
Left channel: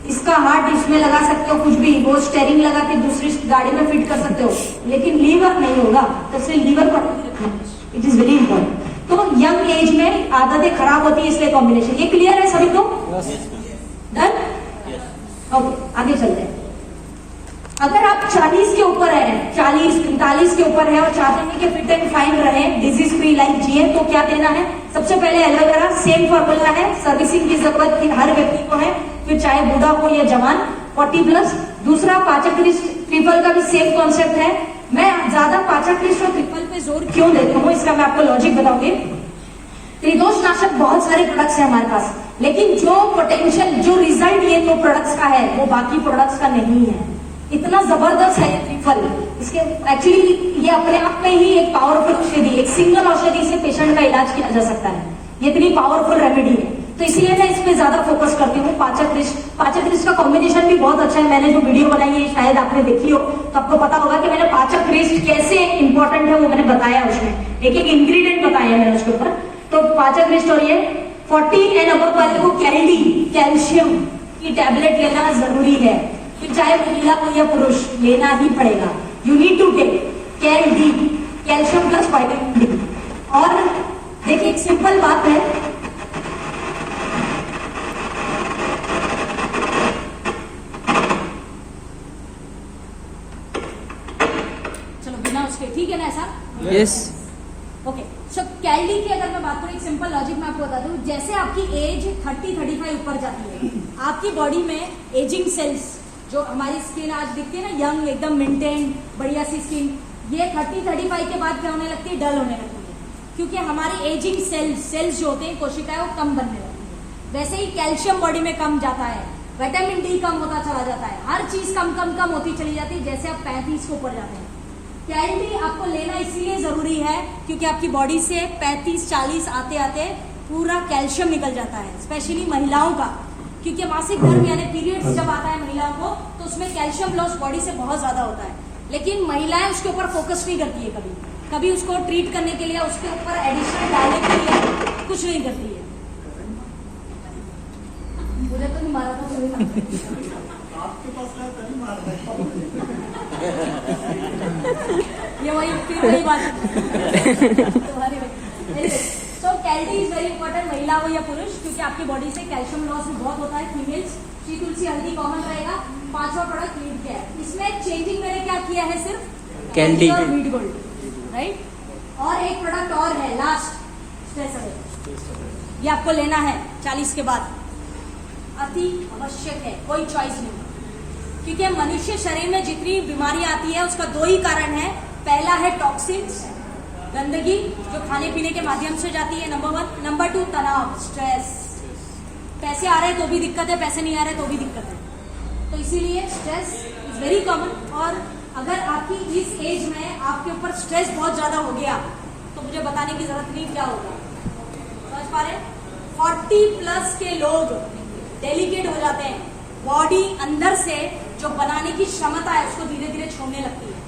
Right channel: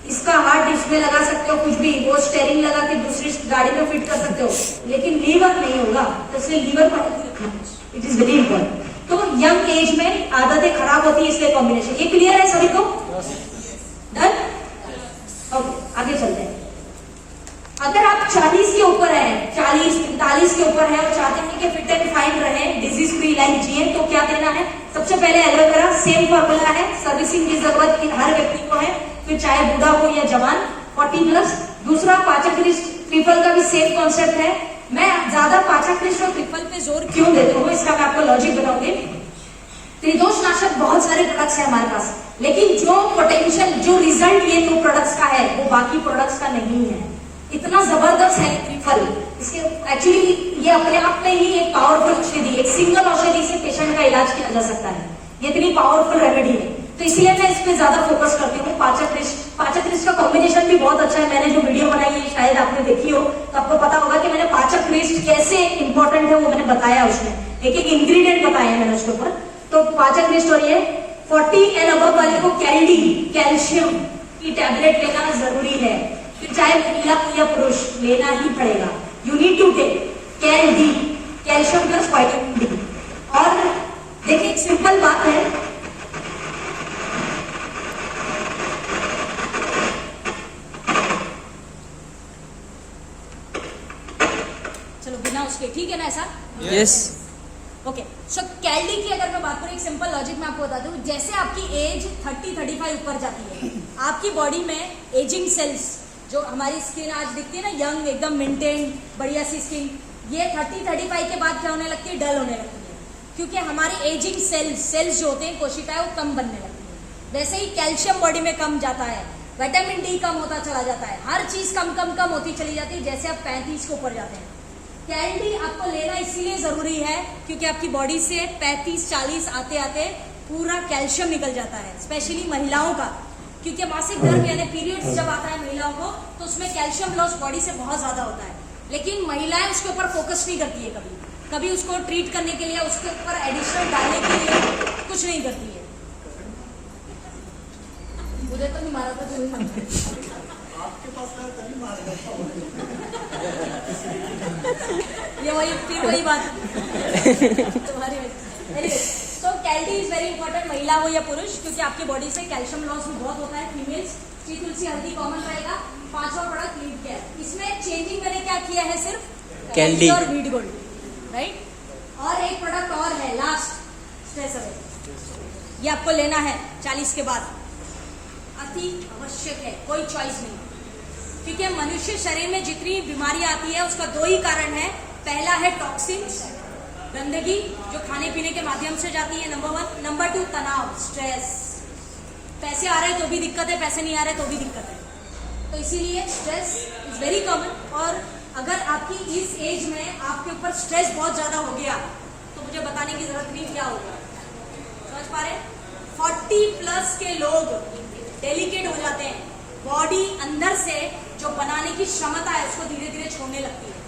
इसका हार्ट इसमें लगा सकते हो, कुछ भी, वो स्टेयरिंग लगा के दूसरी गाड़ी में फिट कर सकते हो, लेकिन लीवर नहीं होगा। तो इसलिए लीवर पर इट इज वेरी इंपॉर्टेंट। तो यंग एज में आदतें खराब होती है, इसलिए कॉम्बिनेशन। ये क्लियर है सभी को? डन? ओके, आगे चलते हैं। अगर आप 40 के ऊपर है, 40-45 के ऊपर है और चाहते हैं कि फिट एंड फाइन रहे, डिजीज फ्री लाइफ जिए, तो क्या देना है? सबसे पहले एलोवेरा, सेम फॉर्मूला है, सर्विसिंग की जरूरत हर व्यक्ति को है, फिर चाहे बूढ़ा हो या जवान, 40+। दूसरा पाचक ट्रिपल का भी सेम कॉन्सेप्ट है। मैं ज्यादा पाचक और ट्रिपल पे जोर क्यों देता हूँ, इसका मैं आपको लॉजिक बताऊंगी। त्रिदोषनाशक बहुत सारे प्रोडक्ट्स हैं हमारे पास, लेकिन जो पोटेंशियल, जो रिजल्ट ये दो प्रोडक्ट्स का है वो बाकी प्रोडक्ट्स का नहीं है। इतना जबरदस्त है त्रिफल, इसके एक्चुअली ये अपने आप में ही एक पावरफुल औषधि, एक सिंगल औषधि से पेशेंट का इलाज किया जा सकता है। ये इतनी पावरफुल रेमेडी है, तो इसलिए मैं इस पे ज्यादा फोकस करती हूँ। पाचक रिष्ट का कॉम्बिनेशन भी बहुत अच्छा है। मैंने जो वीडियो बनाई है शायद आपने देखी हो, तो आपको पता होगा कि मैंने पाचक रिष्ट कैसे इंपॉर्टेंट है वो मैंने बताया, उसमें एक एक इंग्रेडिएंट बताया मैंने उसके ऊपर। तो पाचक रिष्ट और ये 40 एंड अबव वाले को कैल्डी, कैल्शियम की टैबलेट लेना जरूरी है, फिर चाहे महिला हो या पुरुष लेना ही पड़ेगा। यू नीड टू टेक कैल्डी, कैल्शियम प्लस विटामिन डी। और देखिए एक सिंपल बात है, चलो बिना उसके, ठीक है ना ऐसा? यस। ओके, सो कैल्डी की अगर मैं बात करूं, एक सिंपल लॉजिक मैं आपको बता दूं। जैसे आपकी एज 30-35 ऊपर जाती है, आपकी बॉडी में एजिंग सेल्स, जो हमारी स्किन आज दिखती है ना यंग, एकदम मेंटेन बढ़िया सी स्किन, ये 30-35 के बाद क्या होने लगती है? डल होने लगती है, क्योंकि हमारी एजिंग सेल्स जो होते हैं, कोशिकाएं, वो कम बनने लगती है। वैसे ही कैल्शियम बॉडी में कम जाता है, विटामिन डी कम होता चला जाता है, हर चीज कम कम कम होती चली जाती है जैसे आप 35 के ऊपर जाते हैं। कैल्डी आपको लेना इसीलिए जरूरी है क्योंकि आपकी बॉडी से 35-40 आते आते पूरा कैल्शियम निकल जाता है, स्पेशली महिलाओं का, क्योंकि मासिक धर्म यानी पीरियड्स जब आता है महिलाओं को, तो उसमें कैल्शियम लॉस बॉडी से बहुत ज्यादा होता है। लेकिन महिलाएं उसके ऊपर फोकस नहीं करती है, कभी उसको ट्रीट करने के लिए, उसके ऊपर एडिशनल डालने के लिए कुछ नहीं करती है। मुझे तो नहीं मारा था आपके पास ये वही बात तुम्हारी वजह। सो कैल्डी इज वेरी इंपॉर्टेंट, महिला हो या पुरुष, क्योंकि आपकी बॉडी से कैल्शियम लॉस भी बहुत होता है। फीमेल्स श्री तुलसी हल्दी कॉमन रहेगा। 5वां प्रोडक्ट लीड केयर, इसमें चेंजिंग मैंने क्या किया है? सिर्फ कैल्डी और वीट गोल्ड, राइट। और एक प्रोडक्ट और है लास्ट, स्ट्रेस अवे, ये आपको लेना है 40 के बाद, अति आवश्यक है, कोई चॉइस नहीं, क्योंकि मनुष्य शरीर में जितनी बीमारियां आती है उसका 2 ही कारण है। पहला है टॉक्सिन्स, गंदगी जो खाने पीने के माध्यम से जाती है, नंबर 1। नंबर 2 तनाव, स्ट्रेस। पैसे आ रहे हैं तो भी दिक्कत है, पैसे नहीं आ रहे तो भी दिक्कत है। तो इसीलिए स्ट्रेस इज वेरी कॉमन। और अगर आपकी इस एज में आपके ऊपर स्ट्रेस बहुत ज्यादा हो गया तो मुझे बताने की जरूरत नहीं क्या होगा, समझ पा रहे हैं? 40+ के लोग डेलिकेट हो जाते हैं, बॉडी अंदर से जो बनाने की क्षमता है उसको धीरे धीरे छोड़ने लगती है।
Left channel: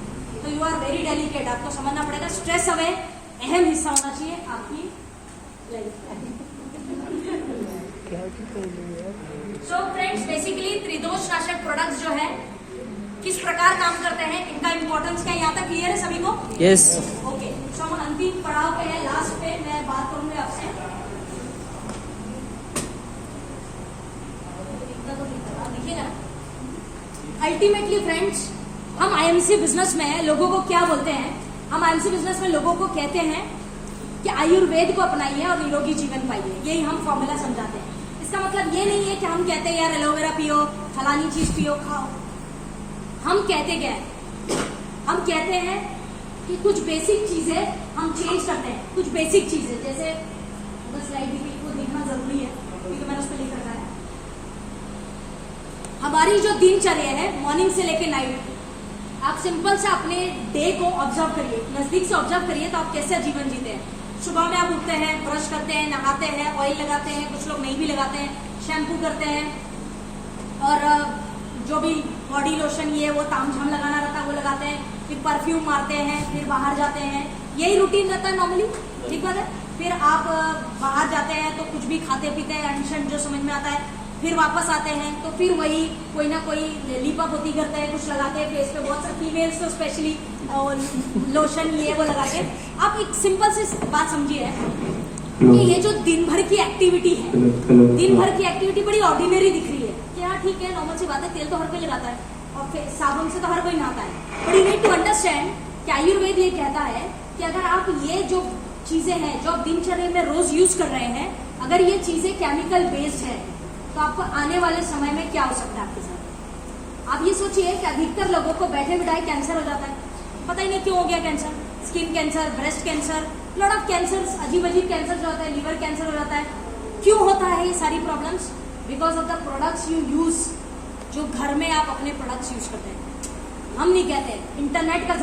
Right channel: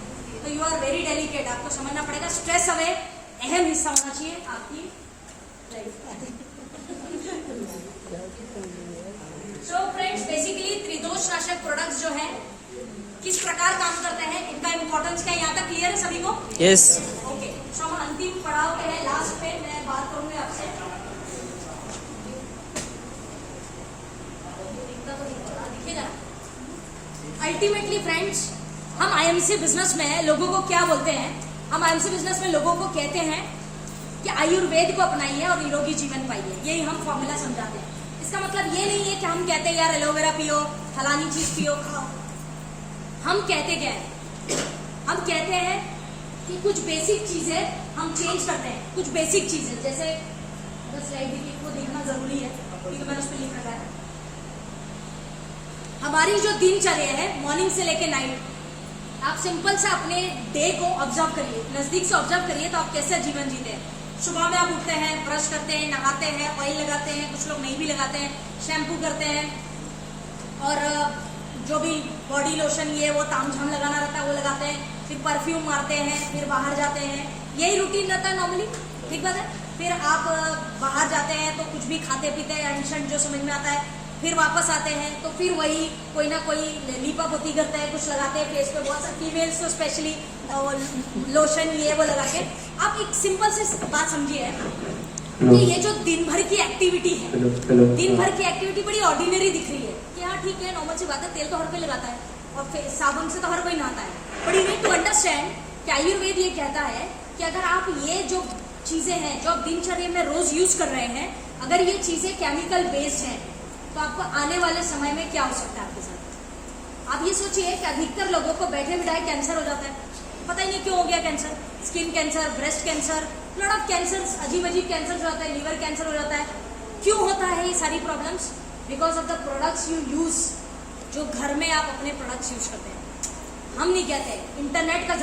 तो यू आर वेरी डेलिकेट, आपको समझना पड़ेगा। स्ट्रेस अवे अहम हिस्सा होना चाहिए आपकी लाइफ का। सो फ्रेंड्स, बेसिकली त्रिदोषनाशक प्रोडक्ट्स जो है किस प्रकार काम करते हैं, इनका इंपॉर्टेंस क्या है, यहाँ तक क्लियर है सभी को? यस। ओके, सो हम अंतिम पड़ाव पे है, लास्ट पे मैं बात करूंगी आपसे। देखिएगा ना, अल्टीमेटली फ्रेंड्स, हम आईएमसी बिजनेस में लोगों को क्या बोलते हैं? हम आईएमसी बिजनेस में लोगों को कहते हैं कि आयुर्वेद को अपनाइए और निरोगी जीवन पाइए, यही हम फॉर्मूला समझाते हैं। इसका मतलब ये नहीं है कि हम कहते हैं यार एलोवेरा पियो, फलानी चीज पियो, खाओ। हम कहते क्या है? हम कहते हैं कि कुछ बेसिक चीजें हम चेंज करते हैं, कुछ बेसिक चीजें, जैसे अगर स्लाइड को देखना जरूरी है क्योंकि मैंने उस पर लिख रखा है। हमारी जो दिनचर्या है मॉर्निंग से लेके नाइट, आप सिंपल से अपने डे को ऑब्जर्व करिए, नजदीक से ऑब्जर्व करिए तो आप कैसे जीवन जीते हैं। सुबह में आप उठते हैं, ब्रश करते हैं, नहाते हैं, ऑयल लगाते हैं, कुछ लोग नहीं भी लगाते हैं, शैम्पू करते हैं, और जो भी बॉडी लोशन ये वो तामझाम लगाना रहता है वो लगाते हैं, फिर परफ्यूम मारते हैं, फिर बाहर जाते हैं, यही रूटीन रहता है नॉर्मली, ठीक बात है। फिर आप बाहर जाते हैं तो कुछ भी खाते पीते हैं, एंशन जो समझ में आता है, फिर वापस आते हैं तो फिर वही कोई ना कोई लीपा पोती करते हैं, कुछ लगाते हैं फेस पे, बहुत सारे फीमेल्स तो स्पेशली लोशन ये वो लगाते हैं। आप एक सिंपल सी बात समझिए कि ये जो दिन भर की एक्टिविटी है, दिन भर की एक्टिविटी बड़ी ऑर्डिनरी दिख रही है, क्या ठीक है, नॉर्मल सी बात है, तेल तो हर कोई लगाता है और फिर साबुन से तो हर कोई नहाता है। But you need to understand कि आयुर्वेद ये कहता है कि अगर आप ये जो चीजें हैं जो आप दिनचर्या में रोज यूज कर रहे हैं, अगर ये चीजें केमिकल बेस्ड है तो आपको आने वाले समय में क्या हो सकता है आपके साथ। आप ये सोचिए कि अधिकतर लोगों को बैठे बिठाए कैंसर हो जाता है, पता ही नहीं क्यों हो गया cancer. Skin cancer, breast cancer, lot of cancer, अजीब अजीब कैंसर जो होता है, लीवर कैंसर हो जाता है। क्यों होता है ये सारी problems? Because of the products you use, जो घर में आप अपने प्रोडक्ट्स यूज करते हैं। हम नहीं कहते, इंटरनेट का